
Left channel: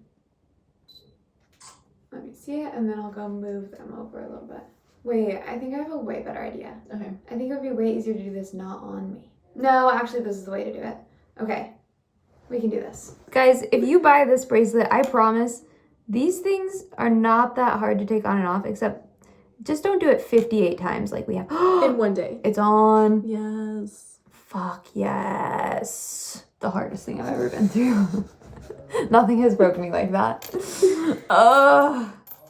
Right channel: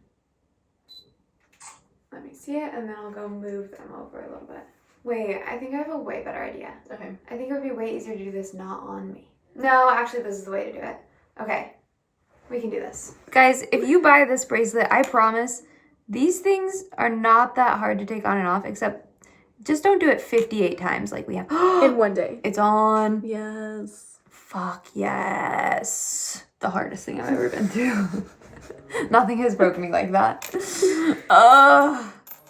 Let me see it, and then I'll go move them over a little bit. Wait, I think I have a way better idea. Okay. I think it would be way easier to do this not on me. No, actually, this is the way to do it. Okay. We can do this. Guys, if you buy this bracelet, I promise, these things are not that hard to take on and off, except just don't do it 58 times like we have. In one day. It's on. Yes. Fuck yes. The hardest thing I've ever been through. Nothing has broken me like that.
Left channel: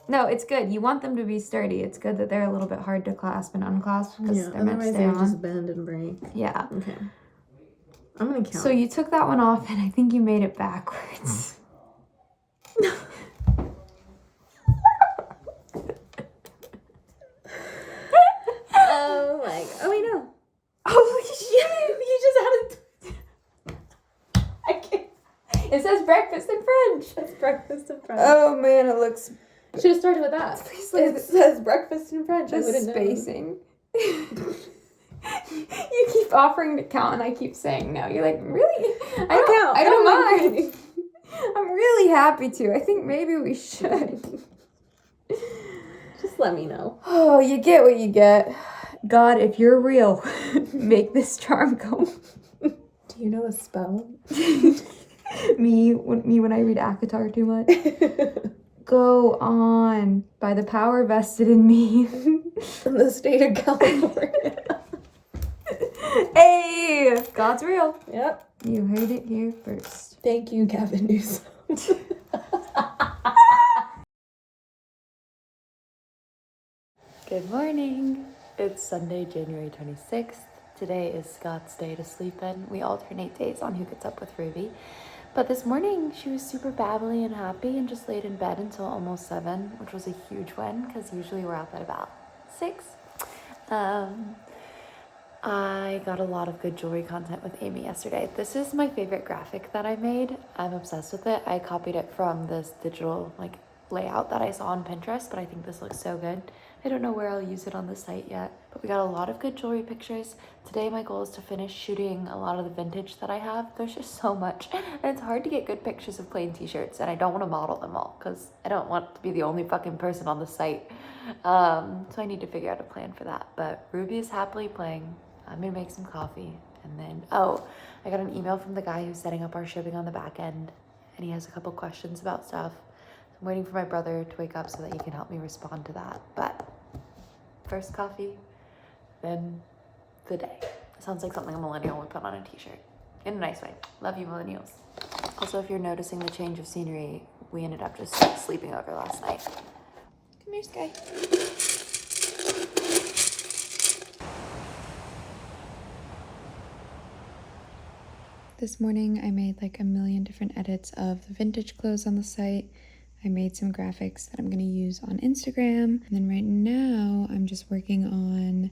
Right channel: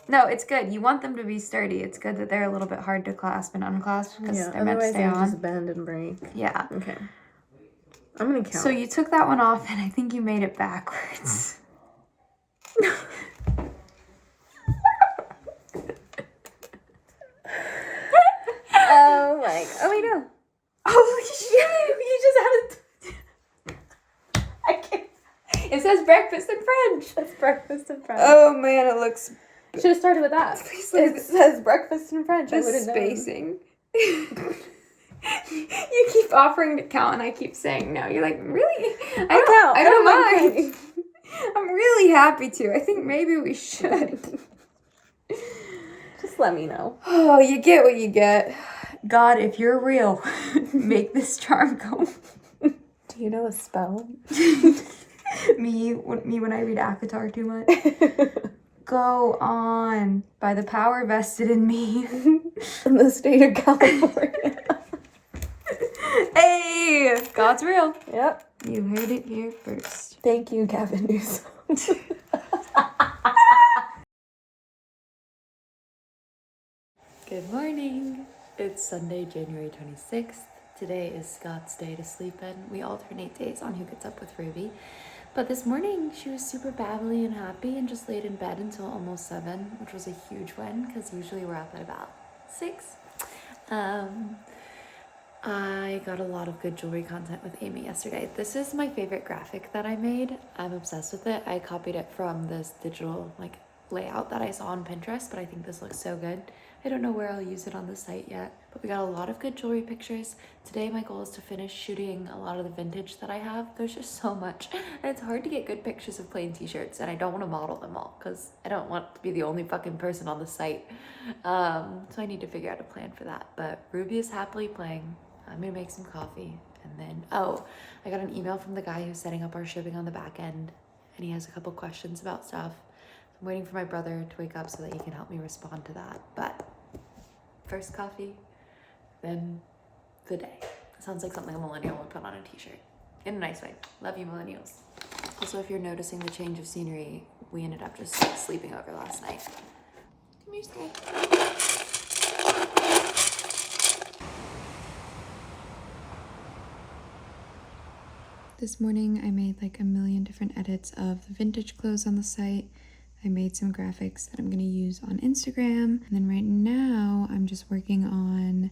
No, it's good. You want them to be sturdy. It's good that they're a little bit hard to clasp and unclasp because they're meant to stay on. Just bend and break. Yeah. Okay. I'm gonna count. So you took that one off and I think you made it backwards. Oh my. Oh wait, no. Holy shit! You just had it. I can't. It says breakfast in French. It's breakfast in French. Oh man, it looks. Should have started with that. It says breakfast in French. I The wouldn't know. spacing. You keep offering to count and I keep saying no. You're like, really? I don't mind. I'm really happy to. I think maybe we should. Just let me know. Oh, you get what you get. God, if you're real, make this charm go. Do you know a spell? Me when I read Akatar too much. Go on by the power vested in me. In the state of California. Hey, God's real. Yep. You heard it here first. Thank you, Gavin Newsom. Good morning. It's Sunday, January 26th. Today is Scott's day to sleep in. We alternate days on who gets up with Ruby. But this morning, she was super babbly and happy and just laid in bed until almost 7, which was a huge win because usually we're up at about 6. I got a lot of good jewelry content with Amy yesterday. This is my favorite graphic that I made. I'm obsessed with it. I copied it from this digital layout that I saw on Pinterest, but I think this looks so good. I don't know where I'll use it on the site yet, but we got a lot of good jewelry pictures. Today my goal is to finish shooting a lot of the vintage that I have. There's just so much, and it's hard to get good pictures of plain t-shirts, and I don't want to model them all because I don't want to be the only fucking person on the site. So I need to figure out a plan for that, but Ruby is happily playing. I'm gonna make some coffee, and then, oh, I got an email from the guy who's setting up our shipping on the back end, and he has a couple questions about stuff. I'm waiting for my brother to wake up so that he can help me respond to that. But first coffee, then the day. Sounds like something a millennial would put on a t-shirt. in a nice way. Love you, millennials. Also, if you're noticing the change of scenery, we ended up just sleeping over last night. Come here, Sky. This morning I made like a million different edits of the vintage clothes on the site. I made some graphics that I'm going to use on Instagram. And then right now I'm just working on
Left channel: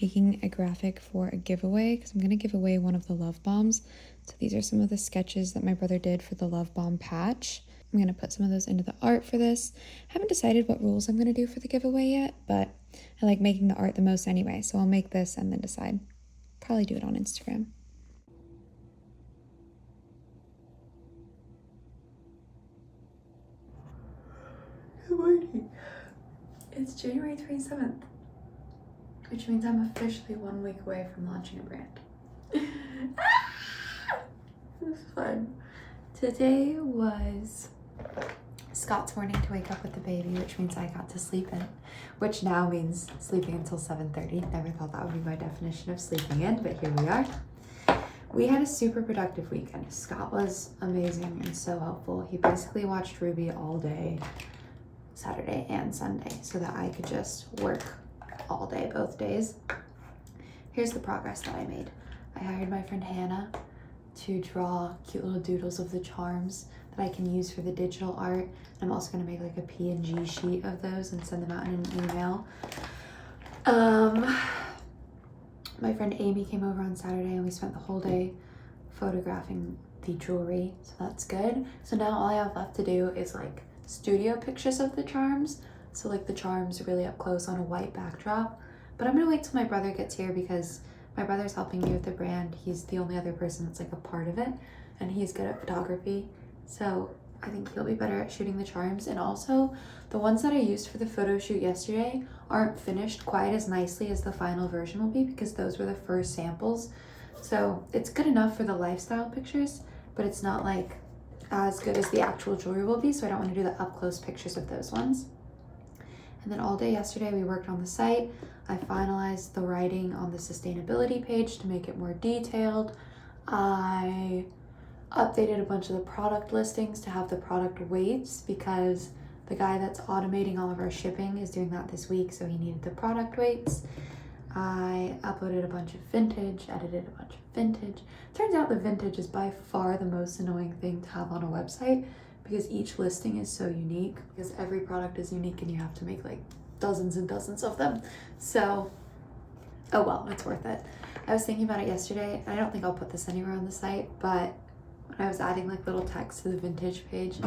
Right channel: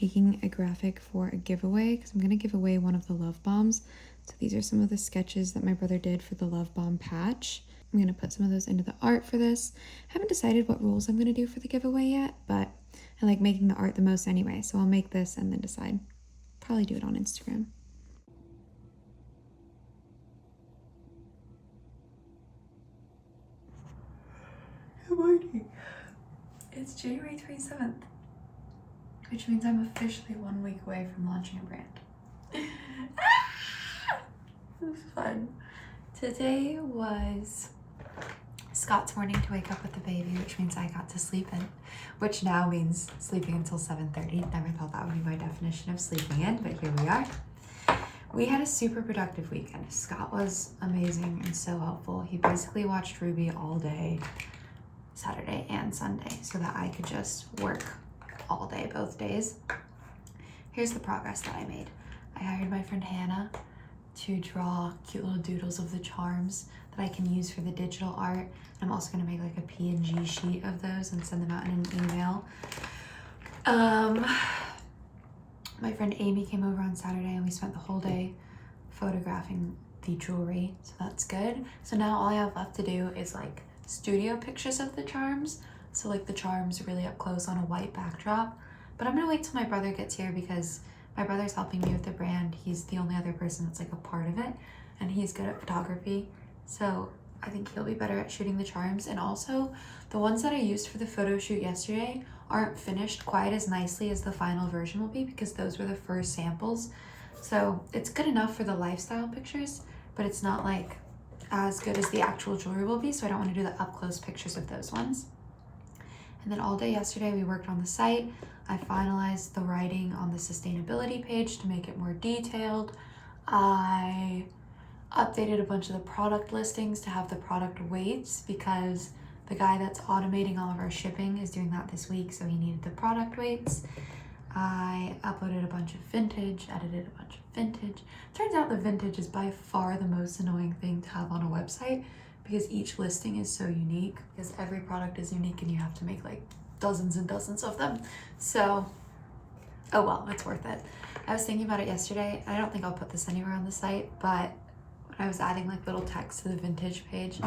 making a graphic for a giveaway because I'm going to give away one of the love bombs. So these are some of the sketches that my brother did for the love bomb patch. I'm going to put some of those into the art for this. I haven't decided what rules I'm going to do for the giveaway yet, but I like making the art the most anyway. So I'll make this and then decide. Probably do it on Instagram. Good morning. It's January 27th, which means I'm officially 1 week away from launching a brand. This is fun. Today was Scott's morning to wake up with the baby, which means I got to sleep in, which now means sleeping until 7:30. Never thought that would be my definition of sleeping in, but here we are. We had a super productive weekend. Scott was amazing and so helpful. He basically watched Ruby all day, Saturday and Sunday, so that I could just work all day, both days. Here's the progress that I made. I hired my friend Hannah to draw cute little doodles of the charms that I can use for the digital art. I'm also gonna make like a PNG sheet of those and send them out in an email. My friend Amy came over on Saturday and we spent the whole day photographing the jewelry, so that's good. So now all I have left to do is like studio pictures of the charms, so like the charms really up close on a white backdrop. But I'm gonna wait till my brother gets here because my brother's helping me with the brand. He's the only other person that's like a part of it, and he's good at photography, so I think he'll be better at shooting the charms. And also the ones that I used for the photo shoot yesterday aren't finished quite as nicely as the final version will be because those were the first samples. So it's good enough for the lifestyle pictures, but it's not like as good as the actual jewelry will be, so I don't want to do the up close pictures of those ones. And then all day yesterday we worked on the site. I finalized the writing on the sustainability page to make it more detailed. I updated a bunch of the product listings to have the product weights because the guy that's automating all of our shipping is doing that this week, so he needed the product weights. I uploaded a bunch of vintage, edited a bunch of vintage. Turns out the vintage is by far the most annoying thing to have on a website because each listing is so unique, because every product is unique and you have to make like dozens and dozens of them. So, oh well, it's worth it. I was thinking about it yesterday. I don't think I'll put this anywhere on the site, but when I was adding like little text to the vintage page,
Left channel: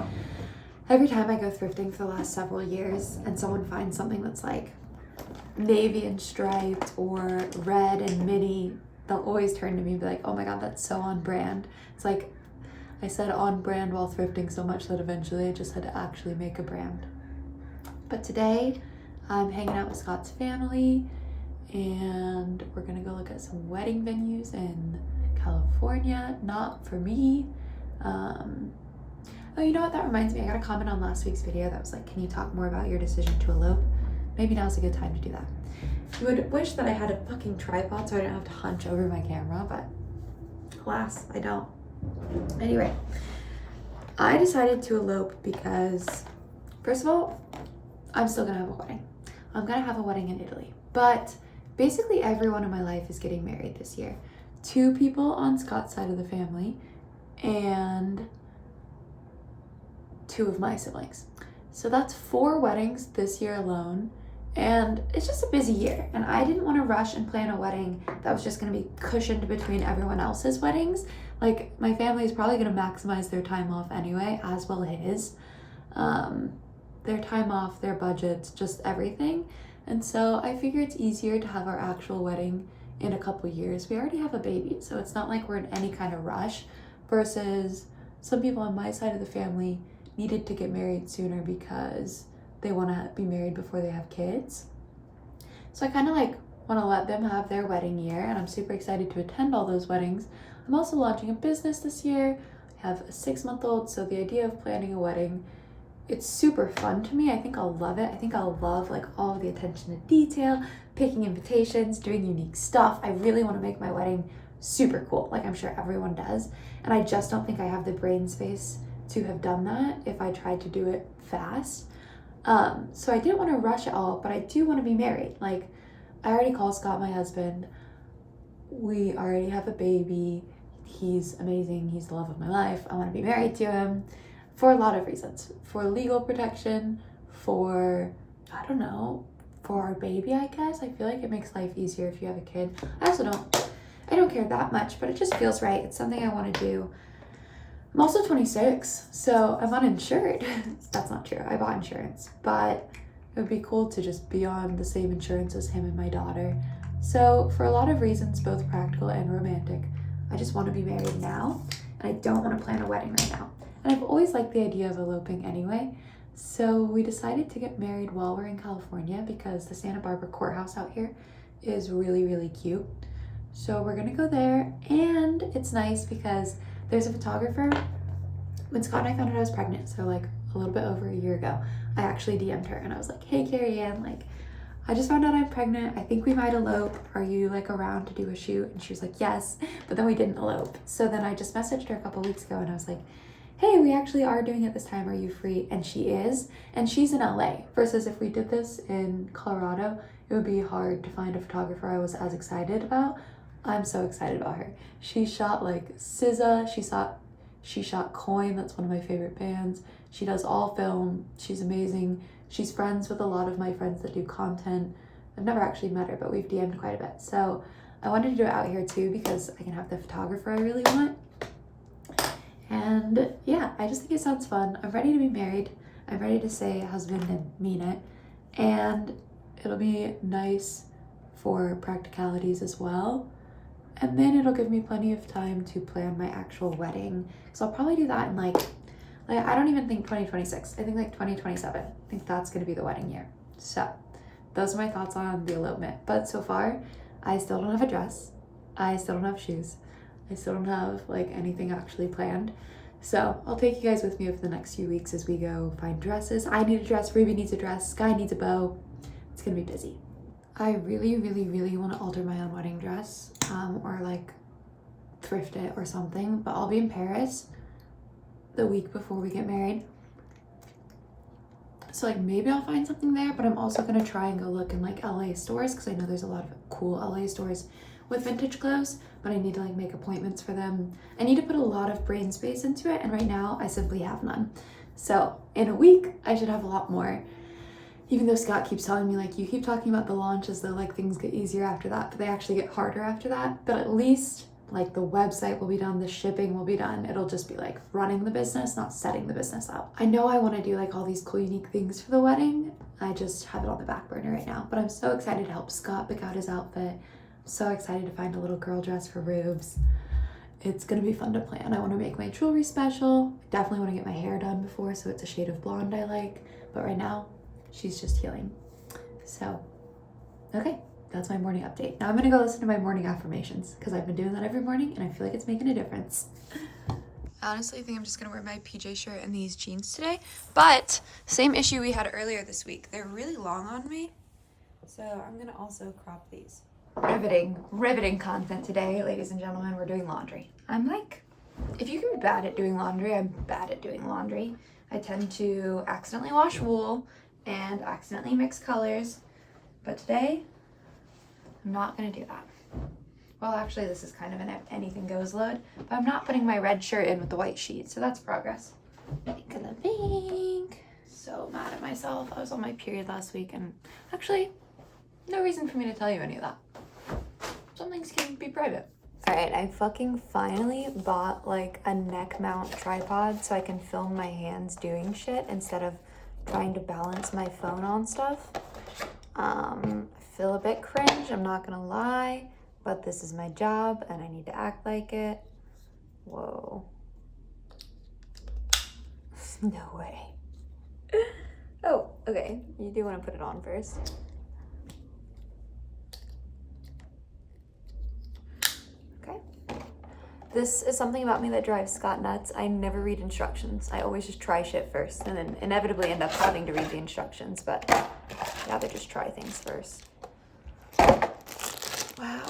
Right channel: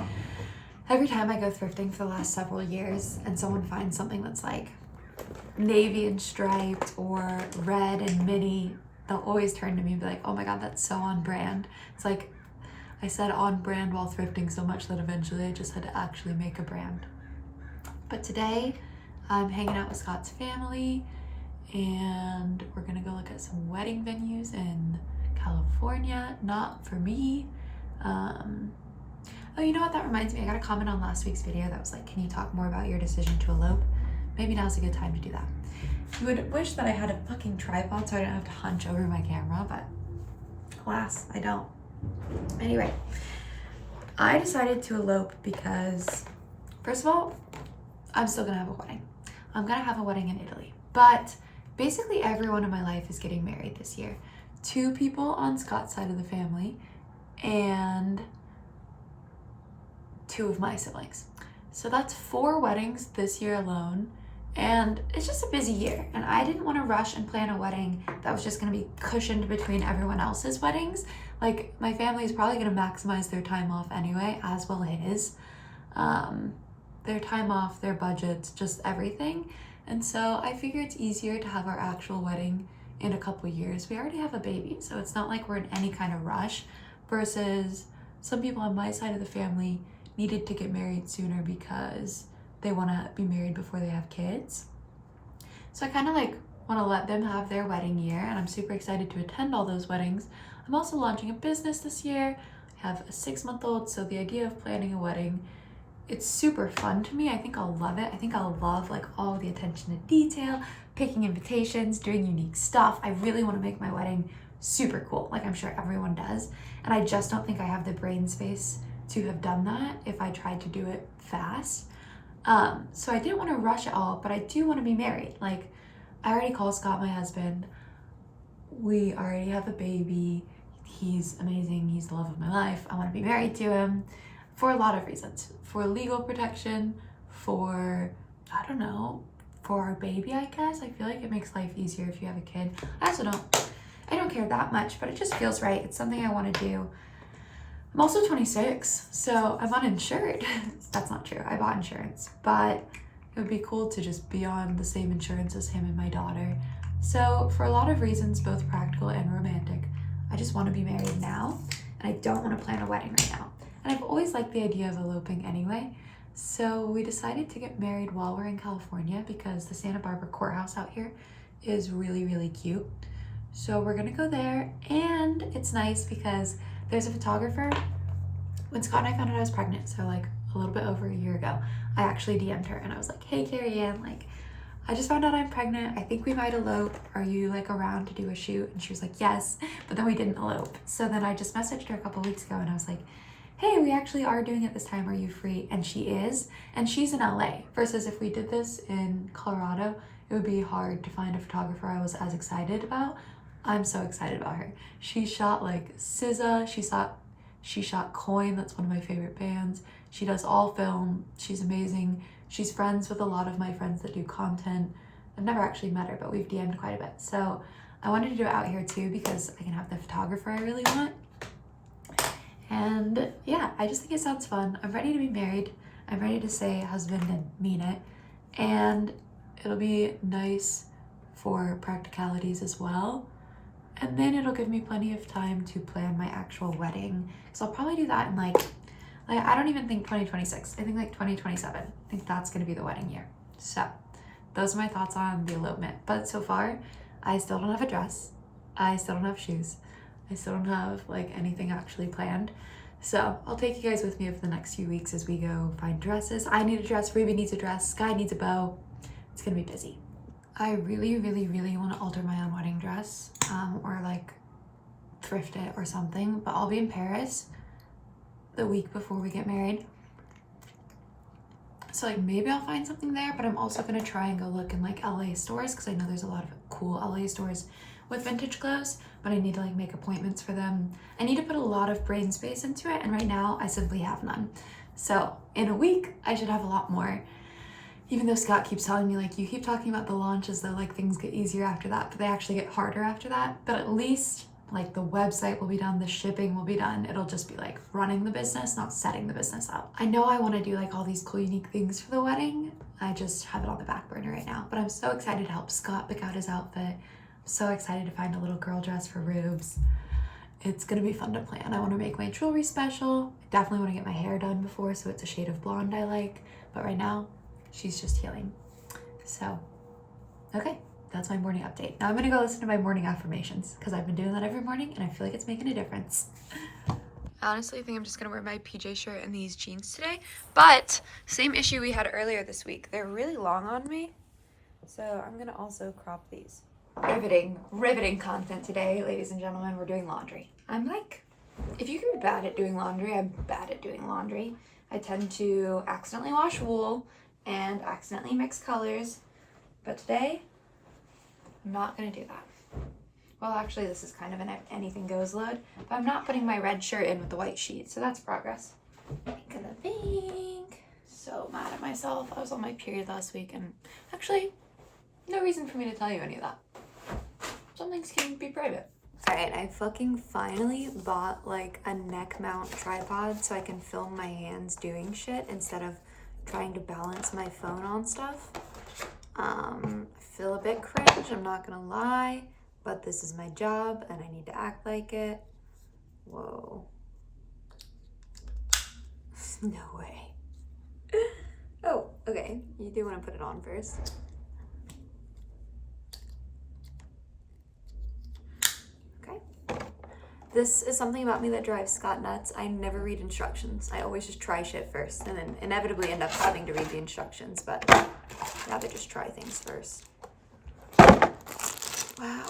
every time I go thrifting for the last several years and someone finds something that's like navy and striped or red and mini, they'll always turn to me and be like, oh my god, that's so on brand. It's like I said on brand while thrifting so much that eventually I just had to actually make a brand. But today I'm hanging out with Scott's family and we're gonna go look at some wedding venues in California. Not for me. Oh, you know what, that reminds me, I got a comment on last week's video that was like, can you talk more about your decision to elope? Maybe now's a good time to do that. You would wish that I had a fucking tripod so I didn't have to hunch over my camera, but alas, I don't. Anyway, I decided to elope because, first of all, I'm still gonna have a wedding. I'm gonna have a wedding in Italy, but basically everyone in my life is getting married this year. 2 people on Scott's side of the family and 2 of my siblings. So that's 4 weddings this year alone, and it's just a busy year. And I didn't want to rush and plan a wedding that was just going to be cushioned between everyone else's weddings. Like, my family is probably going to maximize their time off anyway, as will his. Their time off, their budgets, just everything. And so I figure it's easier to have our actual wedding in a couple years. We already have a baby, so it's not like we're in any kind of rush, versus some people on my side of the family needed to get married sooner because they want to be married before they have kids. So I kind of like want to let them have their wedding year, and I'm super excited to attend all those weddings. I'm also launching a business this year. I have a 6-month-old, so the idea of planning a wedding, it's super fun to me. I think I'll love it. I think I'll love like all of the attention to detail, picking invitations, doing unique stuff. I really want to make my wedding super cool. Like I'm sure everyone does. And I just don't think I have the brain space to have done that if I tried to do it fast. So I didn't want to rush it all, but I do want to be married. Like I already called Scott my husband. We already have a baby. He's amazing. He's the love of my life. I want to be married to him for a lot of reasons. For legal protection, for, I don't know, for our baby, I guess. I feel like it makes life easier if you have a kid. I don't care that much, but it just feels right. It's something I want to do. I'm also 26, so I'm uninsured. That's not true. I bought insurance, but it would be cool to just be on the same insurance as him and my daughter. So for a lot of reasons, both practical and romantic, I just want to be married now, and I don't want to plan a wedding right now. And I've always liked the idea of eloping anyway. So we decided to get married while we're in California because the Santa Barbara courthouse out here is really, really cute. So we're gonna go there, and it's nice because there's a photographer. When Scott and I found out I was pregnant, so like a little bit over a year ago, I actually DM'd her and I was like, hey Carrie Ann, like I just found out I'm pregnant. I think we might elope. Are you like around to do a shoot? And she was like, yes, but then we didn't elope. So then I just messaged her a couple weeks ago and I was like, hey, we actually are doing it this time. Are you free? And she is, and she's in LA versus if we did this in Colorado, it would be hard to find a photographer I was as excited about. I'm so excited about her. She shot like SZA. She shot Coin. That's one of my favorite bands. She does all film. She's amazing. She's friends with a lot of my friends that do content. I've never actually met her, but we've DM'd quite a bit. So I wanted to do it out here too because I can have the photographer I really want. And yeah, I just think it sounds fun. I'm ready to be married. I'm ready to say husband and mean it. And it'll be nice for practicalities as well. And then it'll give me plenty of time to plan my actual wedding. So I'll probably do that in like I don't even think 2026. I think like 2027. I think that's gonna be the wedding year. So those are my thoughts on the elopement. But so far, I still don't have a dress. I still don't have shoes. I still don't have like anything actually planned. So I'll take you guys with me over the next few weeks as we go find dresses. I need a dress, Ruby needs a dress, Sky needs a bow. It's gonna be busy. I really, really, really want to alter my own wedding dress or like thrift it or something, but I'll be in Paris the week before we get married. So like maybe I'll find something there, but I'm also gonna try and go look in like LA stores because I know there's a lot of cool LA stores with vintage clothes, but I need to like make appointments for them. I need to put a lot of brain space into it, and right now I simply have none. So in a week, I should have a lot more. Even though Scott keeps telling me like, you keep talking about the launch as though like things get easier after that, but they actually get harder after that. But at least like the website will be done, the shipping will be done. It'll just be like running the business, not setting the business up. I know I want to do like all these cool, unique things for the wedding. I just have it on the back burner right now, but I'm so excited to help Scott pick out his outfit. I'm so excited to find a little girl dress for Rubes. It's gonna be fun to plan. I want to make my jewelry special. I definitely want to get my hair done before, so it's a shade of blonde I like. But right now, she's just healing. So, okay. That's my morning update. Now I'm gonna go listen to my morning affirmations because I've been doing that every morning and I feel like it's making a difference. I honestly think I'm just gonna wear my PJ shirt and these jeans today, but same issue we had earlier this week. They're really long on me, so I'm gonna also crop these. Riveting content today, ladies and gentlemen. We're doing laundry. I'm like, if you can be bad at doing laundry, I'm bad at doing laundry. I tend to accidentally wash wool and accidentally mix colors, but today, I'm not gonna do that. Well, actually, this is kind of an anything goes load, but I'm not putting my red shirt in with the white sheet, so that's progress. Pink and the pink. So mad at myself. I was on my period last week, and actually, no reason for me to tell you any of that. Some things can be private. All right, I fucking finally bought like a neck mount tripod so I can film my hands doing shit instead of trying to balance my phone on stuff. I feel a bit cringe, I'm not gonna lie, but this is my job and I need to act like it. Whoa. No way. Oh, okay, you do want to put it on first. Okay. This is something about me that drives Scott nuts. I never read instructions. I always just try shit first and then inevitably end up having to read the instructions, but I'd rather just try things first. Wow.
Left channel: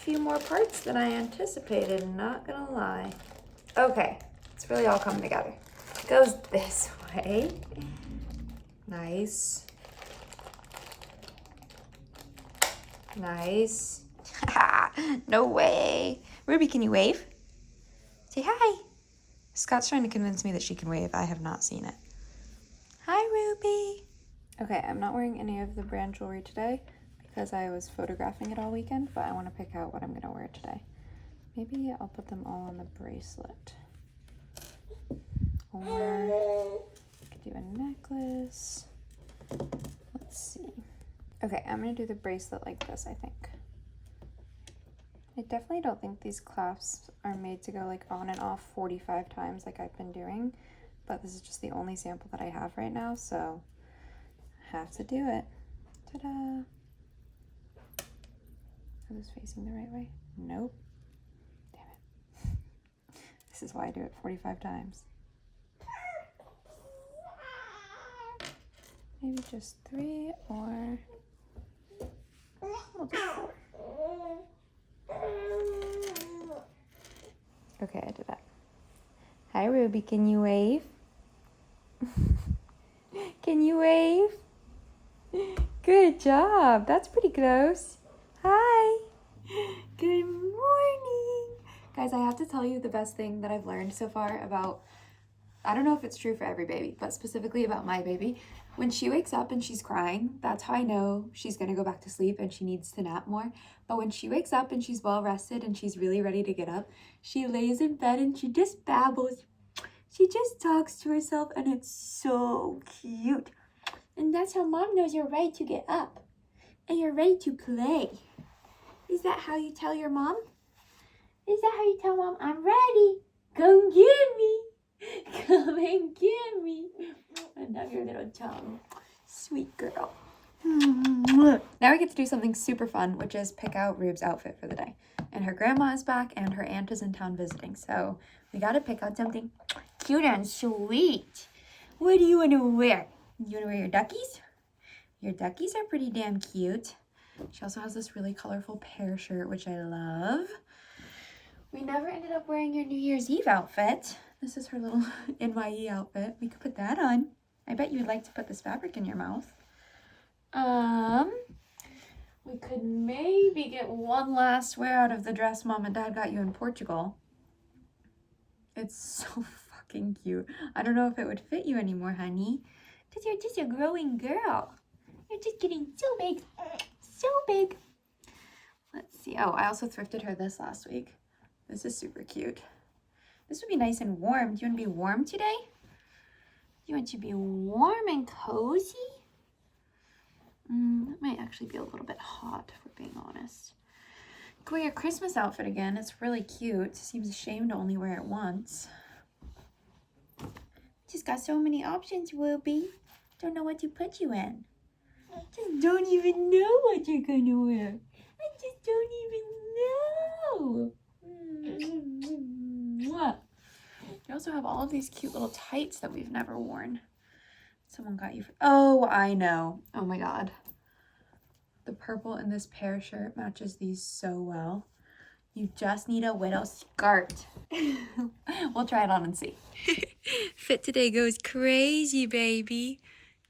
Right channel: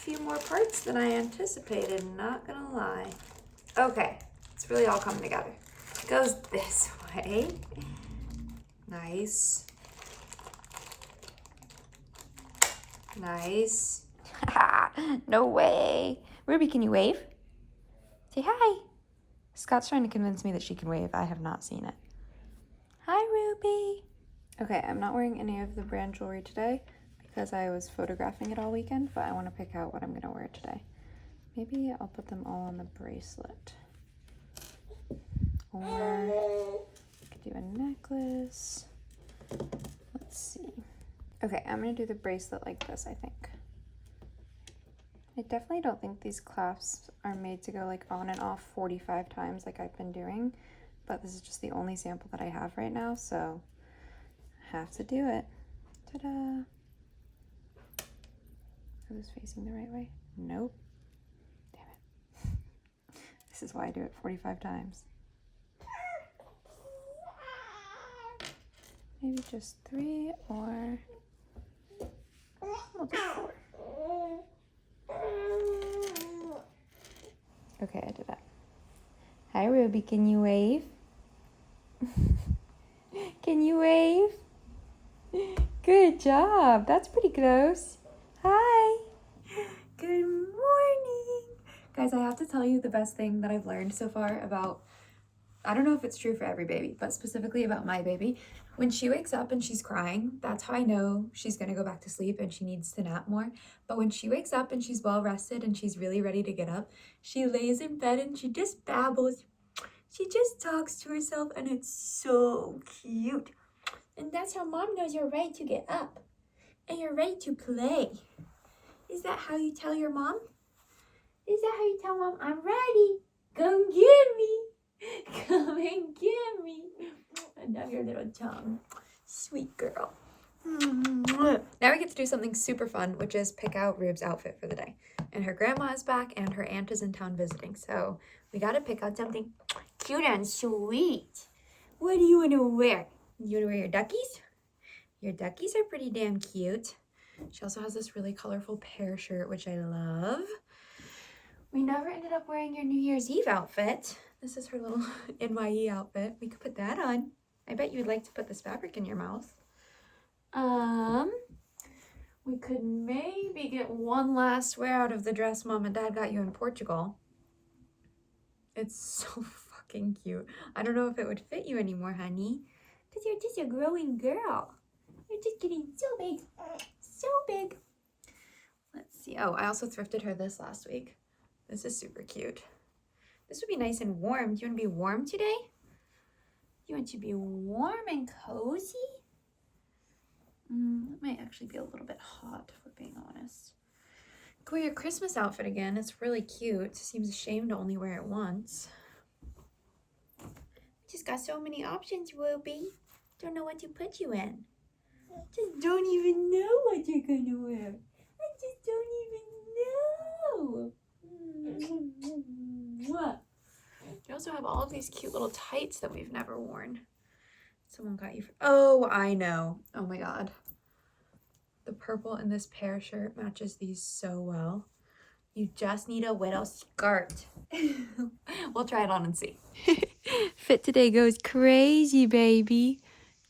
few more parts than I anticipated, not gonna lie. Okay, it's really all coming together. It goes this way. Nice. Nice. No way. Ruby, can you wave? Say hi. Scott's trying to convince me that she can wave. I have not seen it. Hi, Ruby. Okay, I'm not wearing any of the brand jewelry today because I was photographing it all weekend, but I want to pick out what I'm going to wear today. Maybe I'll put them all on the bracelet. Or I could do a necklace. Let's see. Okay, I'm going to do the bracelet like this, I think. I definitely don't think these clasps are made to go like on and off 45 times like I've been doing, but this is just the only sample that I have right now, so I have to do it. Ta-da! Are those facing the right way? Nope. Damn it. This is why I do it 45 times. Maybe just 3 or we'll do 4. Okay, I did that. Hi, Ruby. Can you wave? Can you wave? Good job. That's pretty close. Hi. Good morning. Guys, I have to tell you the best thing that I've learned so far about, I don't know if it's true for every baby, but specifically about my baby. When she wakes up and she's crying, that's how I know she's gonna go back to sleep and she needs to nap more. But when she wakes up and she's well rested and she's really ready to get up, she lays in bed and she just babbles. She just talks to herself and it's so cute. And that's how mom knows you're ready to get up and you're ready to play. Is that how you tell your mom? Is that how you tell mom, I'm ready? Come get me. Come and get me. I love your little tongue. Sweet girl. Now we get to do something super fun, which is pick out Rube's outfit for the day. And her grandma is back and her aunt is in town visiting. So we gotta pick out something cute and sweet. What do you want to wear? You want to wear your duckies? Your duckies are pretty damn cute. She also has this really colorful pear shirt, which I love. We never ended up wearing your New Year's Eve outfit. This is her little NYE outfit. We could put that on. I bet you'd like to put this fabric in your mouth. We could maybe get one last wear out of the dress Mom and Dad got you in Portugal. It's so fucking cute. I don't know if it would fit you anymore, honey, because you're just a growing girl. You're just getting so big. So big. Let's see. Oh, I also thrifted her this last week. This is super cute. This would be nice and warm. Do you want to be warm today? Do you want to be warm and cozy? That might actually be a little bit hot, if we're being honest. Go wear your Christmas outfit again. It's really cute. Seems a shame to only wear it once. Just got so many options, Ruby. Don't know what to put you in. Just don't even know what you're gonna wear. I just don't even know. You also have all of these cute little tights that we've never worn. Someone got you for, oh, I know. Oh my God. The purple in this pear shirt matches these so well. You just need a widow skirt. We'll try it on and see. Fit today goes crazy, baby.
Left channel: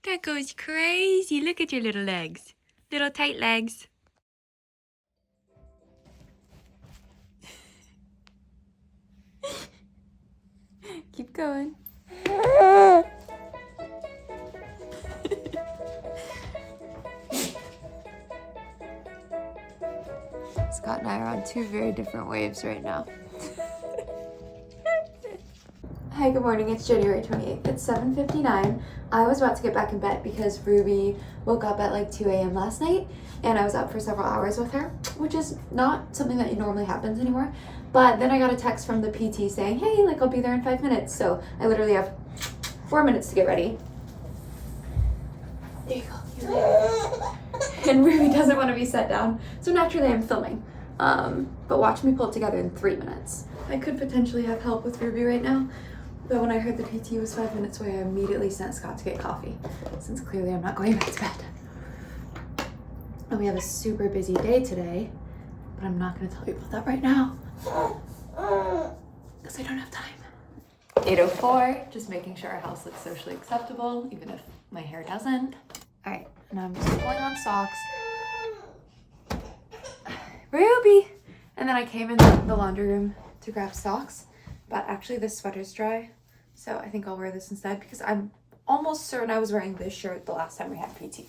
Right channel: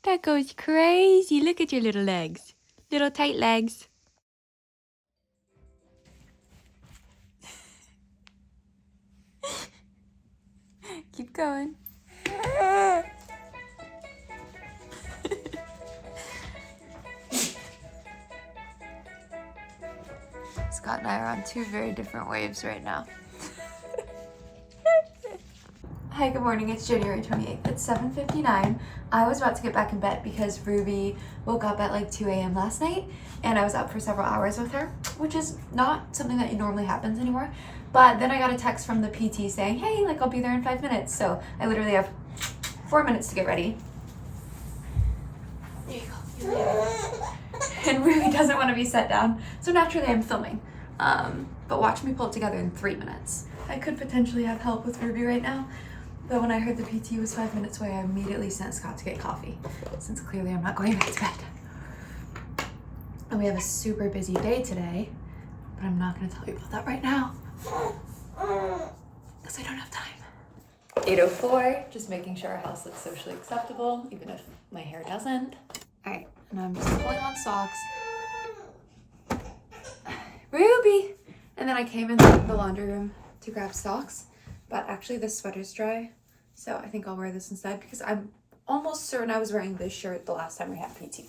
That goes crazy. Look at your little legs. Little tight legs. Keep going. Scott and I are on 2 very different waves right now. Hi, good morning. It's January 28th. It's 7:59. I was about to get back in bed because Ruby woke up at like 2 a.m. last night and I was up for several hours with her, which is not something that normally happens anymore. But then I got a text from the PT saying, hey, like I'll be there in 5 minutes. So I literally have 4 minutes to get ready. There you go. You later. And Ruby doesn't want to be set down. So naturally I'm filming. But watch me pull it together in 3 minutes. I could potentially have help with Ruby right now. But when I heard the PT was 5 minutes away, I immediately sent Scott to get coffee, since clearly I'm not going back to bed. And we have a super busy day today, but I'm not gonna tell you about that right now because I don't have time. 8:04, just making sure our house looks socially acceptable, even if my hair doesn't. All right, now I'm just pulling on socks. Ruby! And then I came in the laundry room to grab socks, but actually this sweater's dry, so I think I'll wear this instead because I'm almost certain I was wearing this shirt the last time we had PT.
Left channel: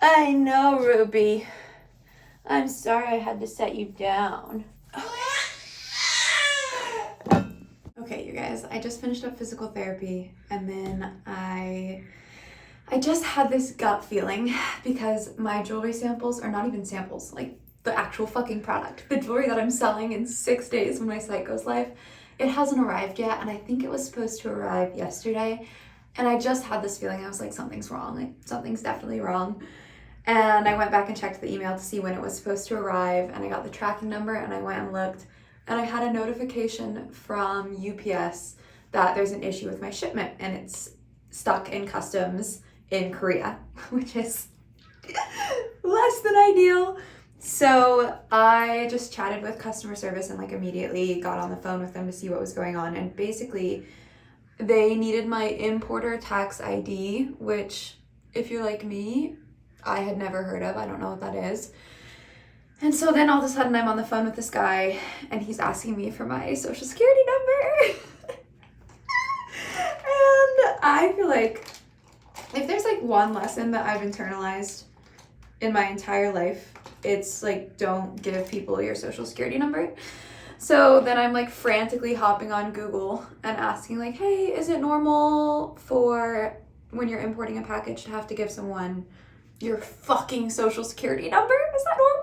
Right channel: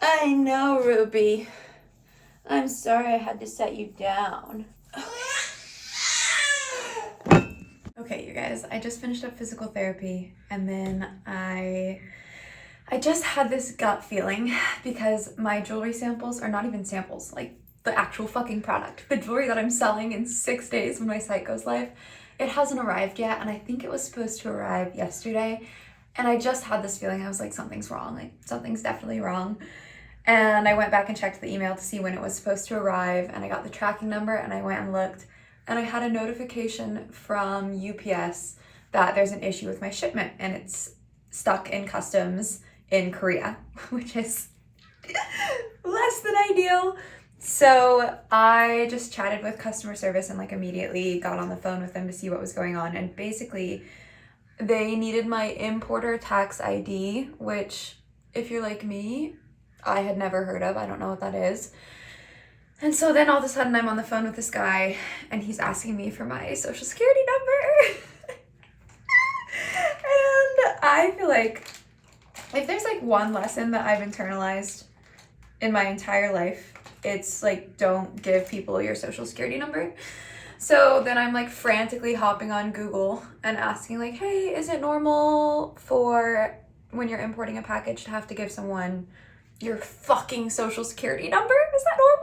I know, Ruby. I'm sorry I had to set you down. Okay, you guys, I just finished up physical therapy, and then I just had this gut feeling because my jewelry samples are not even samples, like the actual fucking product. The jewelry that I'm selling in 6 days when my site goes live, it hasn't arrived yet, and I think it was supposed to arrive yesterday. And I just had this feeling, I was like, something's wrong, like something's definitely wrong. And I went back and checked the email to see when it was supposed to arrive, and I got the tracking number, and I went and looked, and I had a notification from UPS that there's an issue with my shipment, and it's stuck in customs in Korea, which is less than ideal. So I just chatted with customer service and like immediately got on the phone with them to see what was going on. And basically they needed my importer tax ID, which if you're like me, I had never heard of. I don't know what that is. And so then all of a sudden I'm on the phone with this guy and he's asking me for my social security number. And I feel like if there's like one lesson that I've internalized in my entire life, it's like, don't give people your social security number. So then I'm like frantically hopping on Google and asking like, hey, is it normal for when you're importing a package to have to give someone your fucking social security number? Is that normal?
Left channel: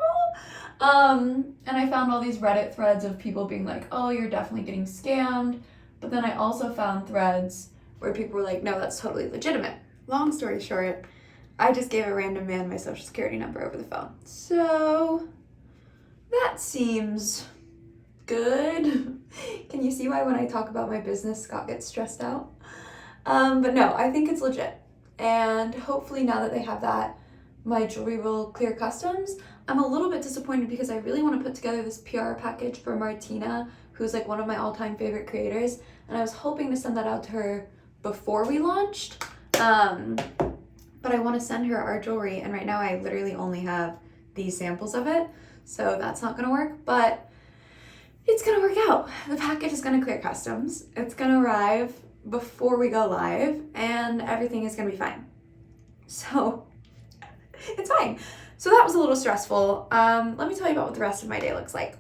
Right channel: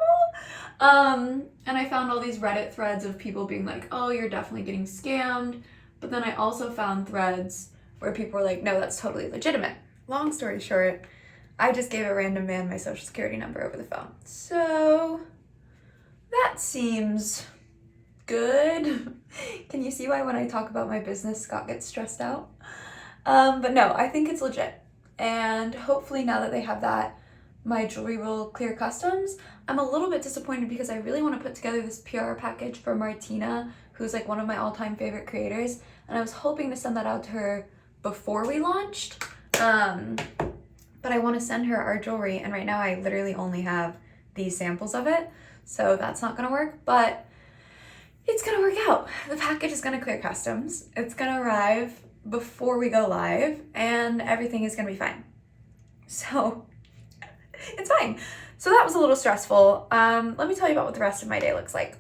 And I found all these Reddit threads of people being like, oh, you're definitely getting scammed. But then I also found threads where people were like, no, that's totally legitimate. Long story short, I just gave a random man my social security number over the phone. So that seems good. Can you see why when I talk about my business, Scott gets stressed out? But no, I think it's legit. And hopefully now that they have that, my jewelry will clear customs. I'm a little bit disappointed because I really want to put together this PR package for Martina, who's like one of my all-time favorite creators. And I was hoping to send that out to her before we launched. But I want to send her our jewelry, and right now I literally only have these samples of it, so that's not gonna work, but it's gonna work out. The package is gonna clear customs, it's gonna arrive before we go live, and everything is gonna be fine. So it's fine. So that was a little stressful. Let me tell you about what the rest of my day looks like.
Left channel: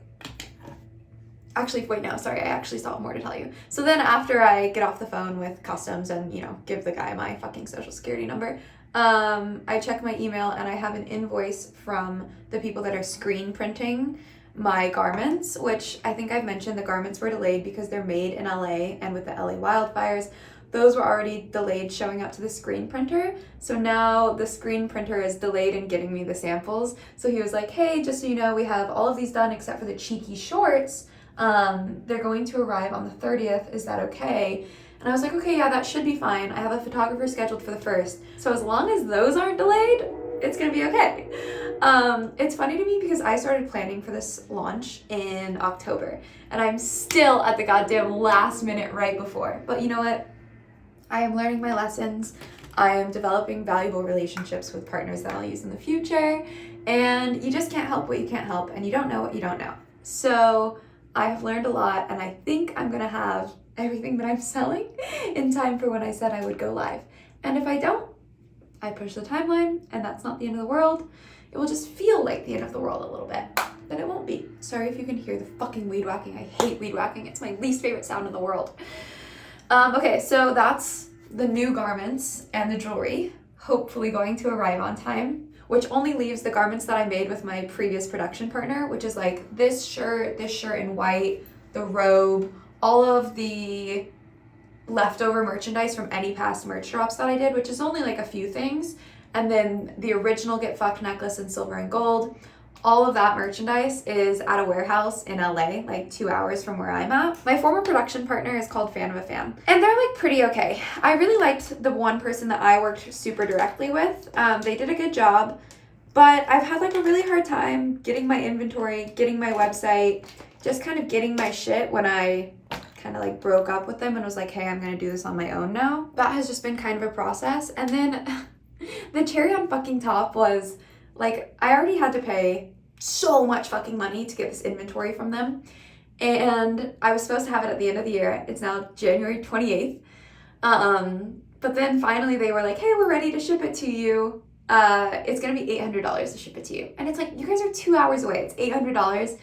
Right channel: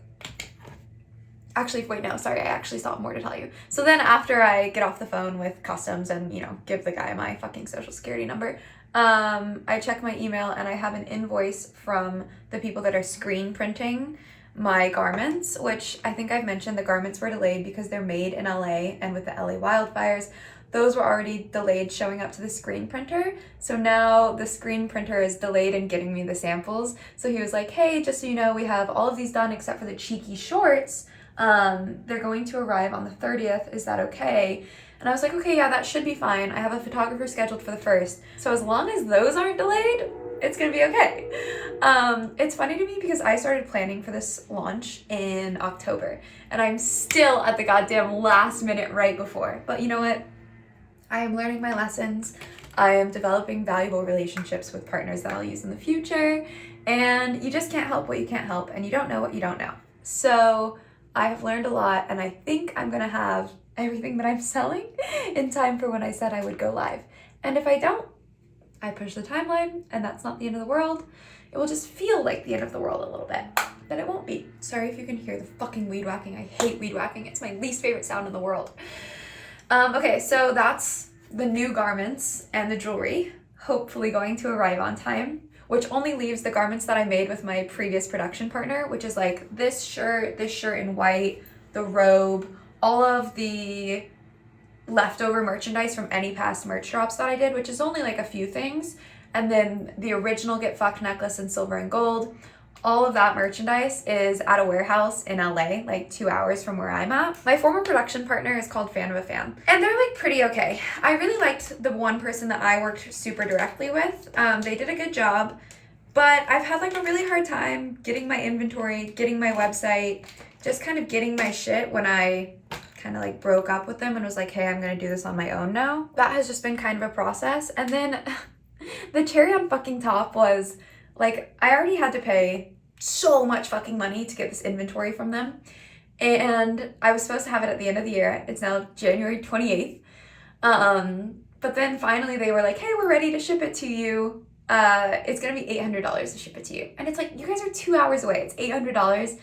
Actually, wait, no, sorry, I actually still have more to tell you. So then after I get off the phone with customs and, you know, give the guy my fucking social security number, I check my email and I have an invoice from the people that are screen printing my garments, which I think I've mentioned the garments were delayed because they're made in LA, and with the LA wildfires, those were already delayed showing up to the screen printer. So now the screen printer is delayed in getting me the samples. So he was like, hey, just so you know, we have all of these done except for the cheeky shorts. They're going to arrive on the 30th. Is that okay? And I was like, okay, yeah, that should be fine. I have a photographer scheduled for the 1st. So as long as those aren't delayed, it's gonna be okay. It's funny to me because I started planning for this launch in October and I'm still at the goddamn last minute right before. But you know what? I am learning my lessons. I am developing valuable relationships with partners that I'll use in the future. And you just can't help what you can't help, and you don't know what you don't know. So I have learned a lot, and I think I'm gonna have everything that I'm selling in time for when I said I would go live. And if I don't, I push the timeline, and that's not the end of the world. It will just feel like the end of the world a little bit, but it won't be. Sorry if you can hear the fucking weed whacking. I hate weed whacking. It's my least favorite sound in the world. Okay, so that's the new garments and the jewelry, hopefully going to arrive on time, which only leaves the garments that I made with my previous production partner, which is like this shirt in white, the robe, all of the leftover merchandise from any past merch drops that I did, which is only like a few things, and then the original Get Fucked necklace in silver and gold. All of that merchandise is at a warehouse in LA, like 2 hours from where I'm at. My former production partner is called Fan of a Fan, and they're like pretty okay. I really liked the one person that I worked super directly with. They did a good job, But I've had like a really hard time getting my inventory, getting my website, just kind of getting my shit when I kind of like broke up with them and was like, hey, I'm gonna do this on my own now. That has just been kind of a process. And then the cherry on fucking top was like, I already had to pay so much fucking money to get this inventory from them. And I was supposed to have it at the end of the year. It's now January 28th. But then finally they were like, hey, we're ready to ship it to you. It's gonna be $800 to ship it to you. And it's like, you guys are 2 hours away. It's $800,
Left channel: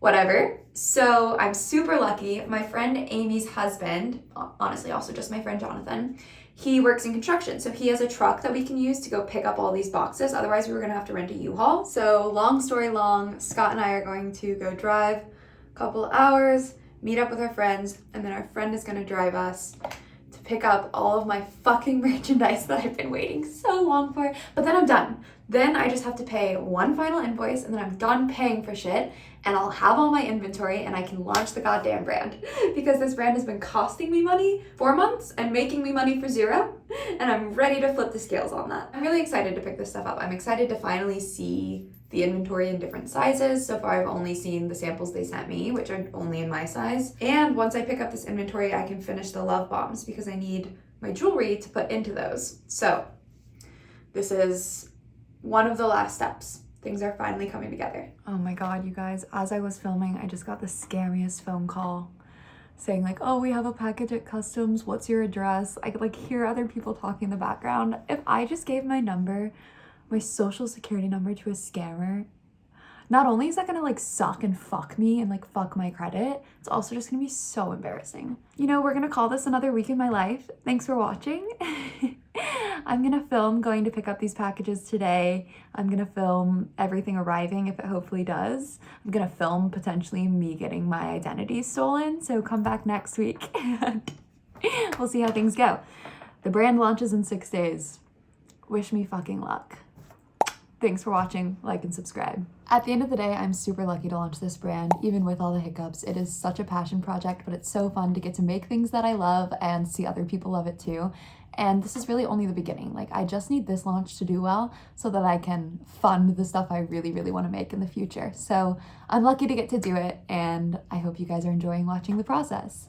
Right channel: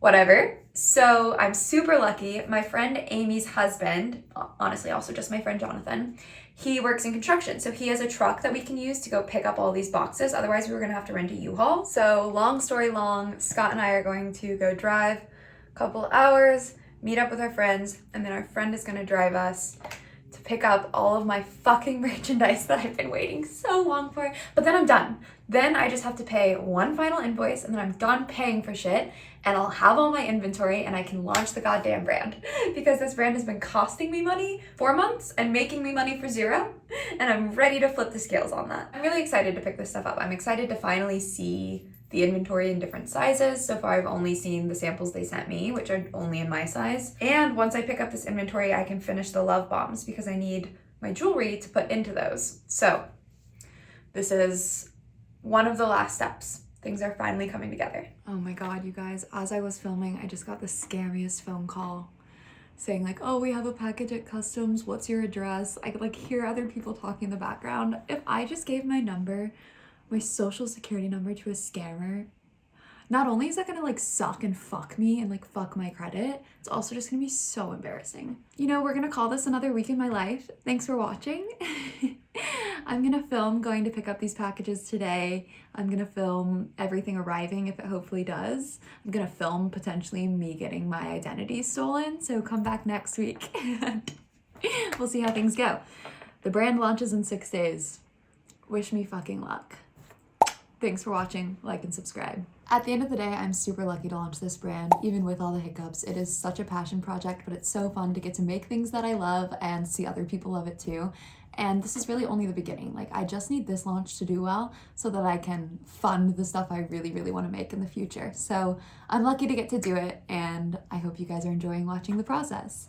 whatever. So I'm super lucky. My friend Amy's husband, honestly, also just my friend Jonathan, he works in construction. So he has a truck that we can use to go pick up all these boxes. Otherwise we were gonna have to rent a U-Haul. So long story long, Scott and I are going to go drive a couple hours, meet up with our friends, and then our friend is gonna drive us to pick up all of my fucking merchandise that I've been waiting so long for. But then I'm done. Then I just have to pay one final invoice and then I'm done paying for shit and I'll have all my inventory and I can launch the goddamn brand, because this brand has been costing me money 4 months and making me money for 0, and I'm ready to flip the scales on that. I'm really excited to pick this stuff up. I'm excited to finally see the inventory in different sizes. So far I've only seen the samples they sent me, which are only in my size. And once I pick up this inventory, I can finish the love bombs because I need my jewelry to put into those. So this is one of the last steps. Things are finally coming together. Oh my God, you guys, as I was filming, I just got the scariest phone call saying like, oh, we have a package at customs. What's your address? I could like hear other people talking in the background. If I just gave my number, my social security number, to a scammer, not only is that gonna like suck and fuck me and like fuck my credit, it's also just gonna be so embarrassing. You know, we're gonna call this another week in my life. Thanks for watching. I'm gonna film going to pick up these packages today. I'm gonna film everything arriving if it hopefully does. I'm gonna film potentially me getting my identity stolen. So come back next week and we'll see how things go. The brand launches in 6 days. Wish me fucking luck. Thanks for watching, like and subscribe. At the end of the day, I'm super lucky to launch this brand, even with all the hiccups. It is such a passion project, but it's so fun to get to make things that I love and see other people love it too. And this is really only the beginning. Like, I just need this launch to do well so that I can fund the stuff I really, really want to make in the future. So I'm lucky to get to do it, and I hope you guys are enjoying watching the process.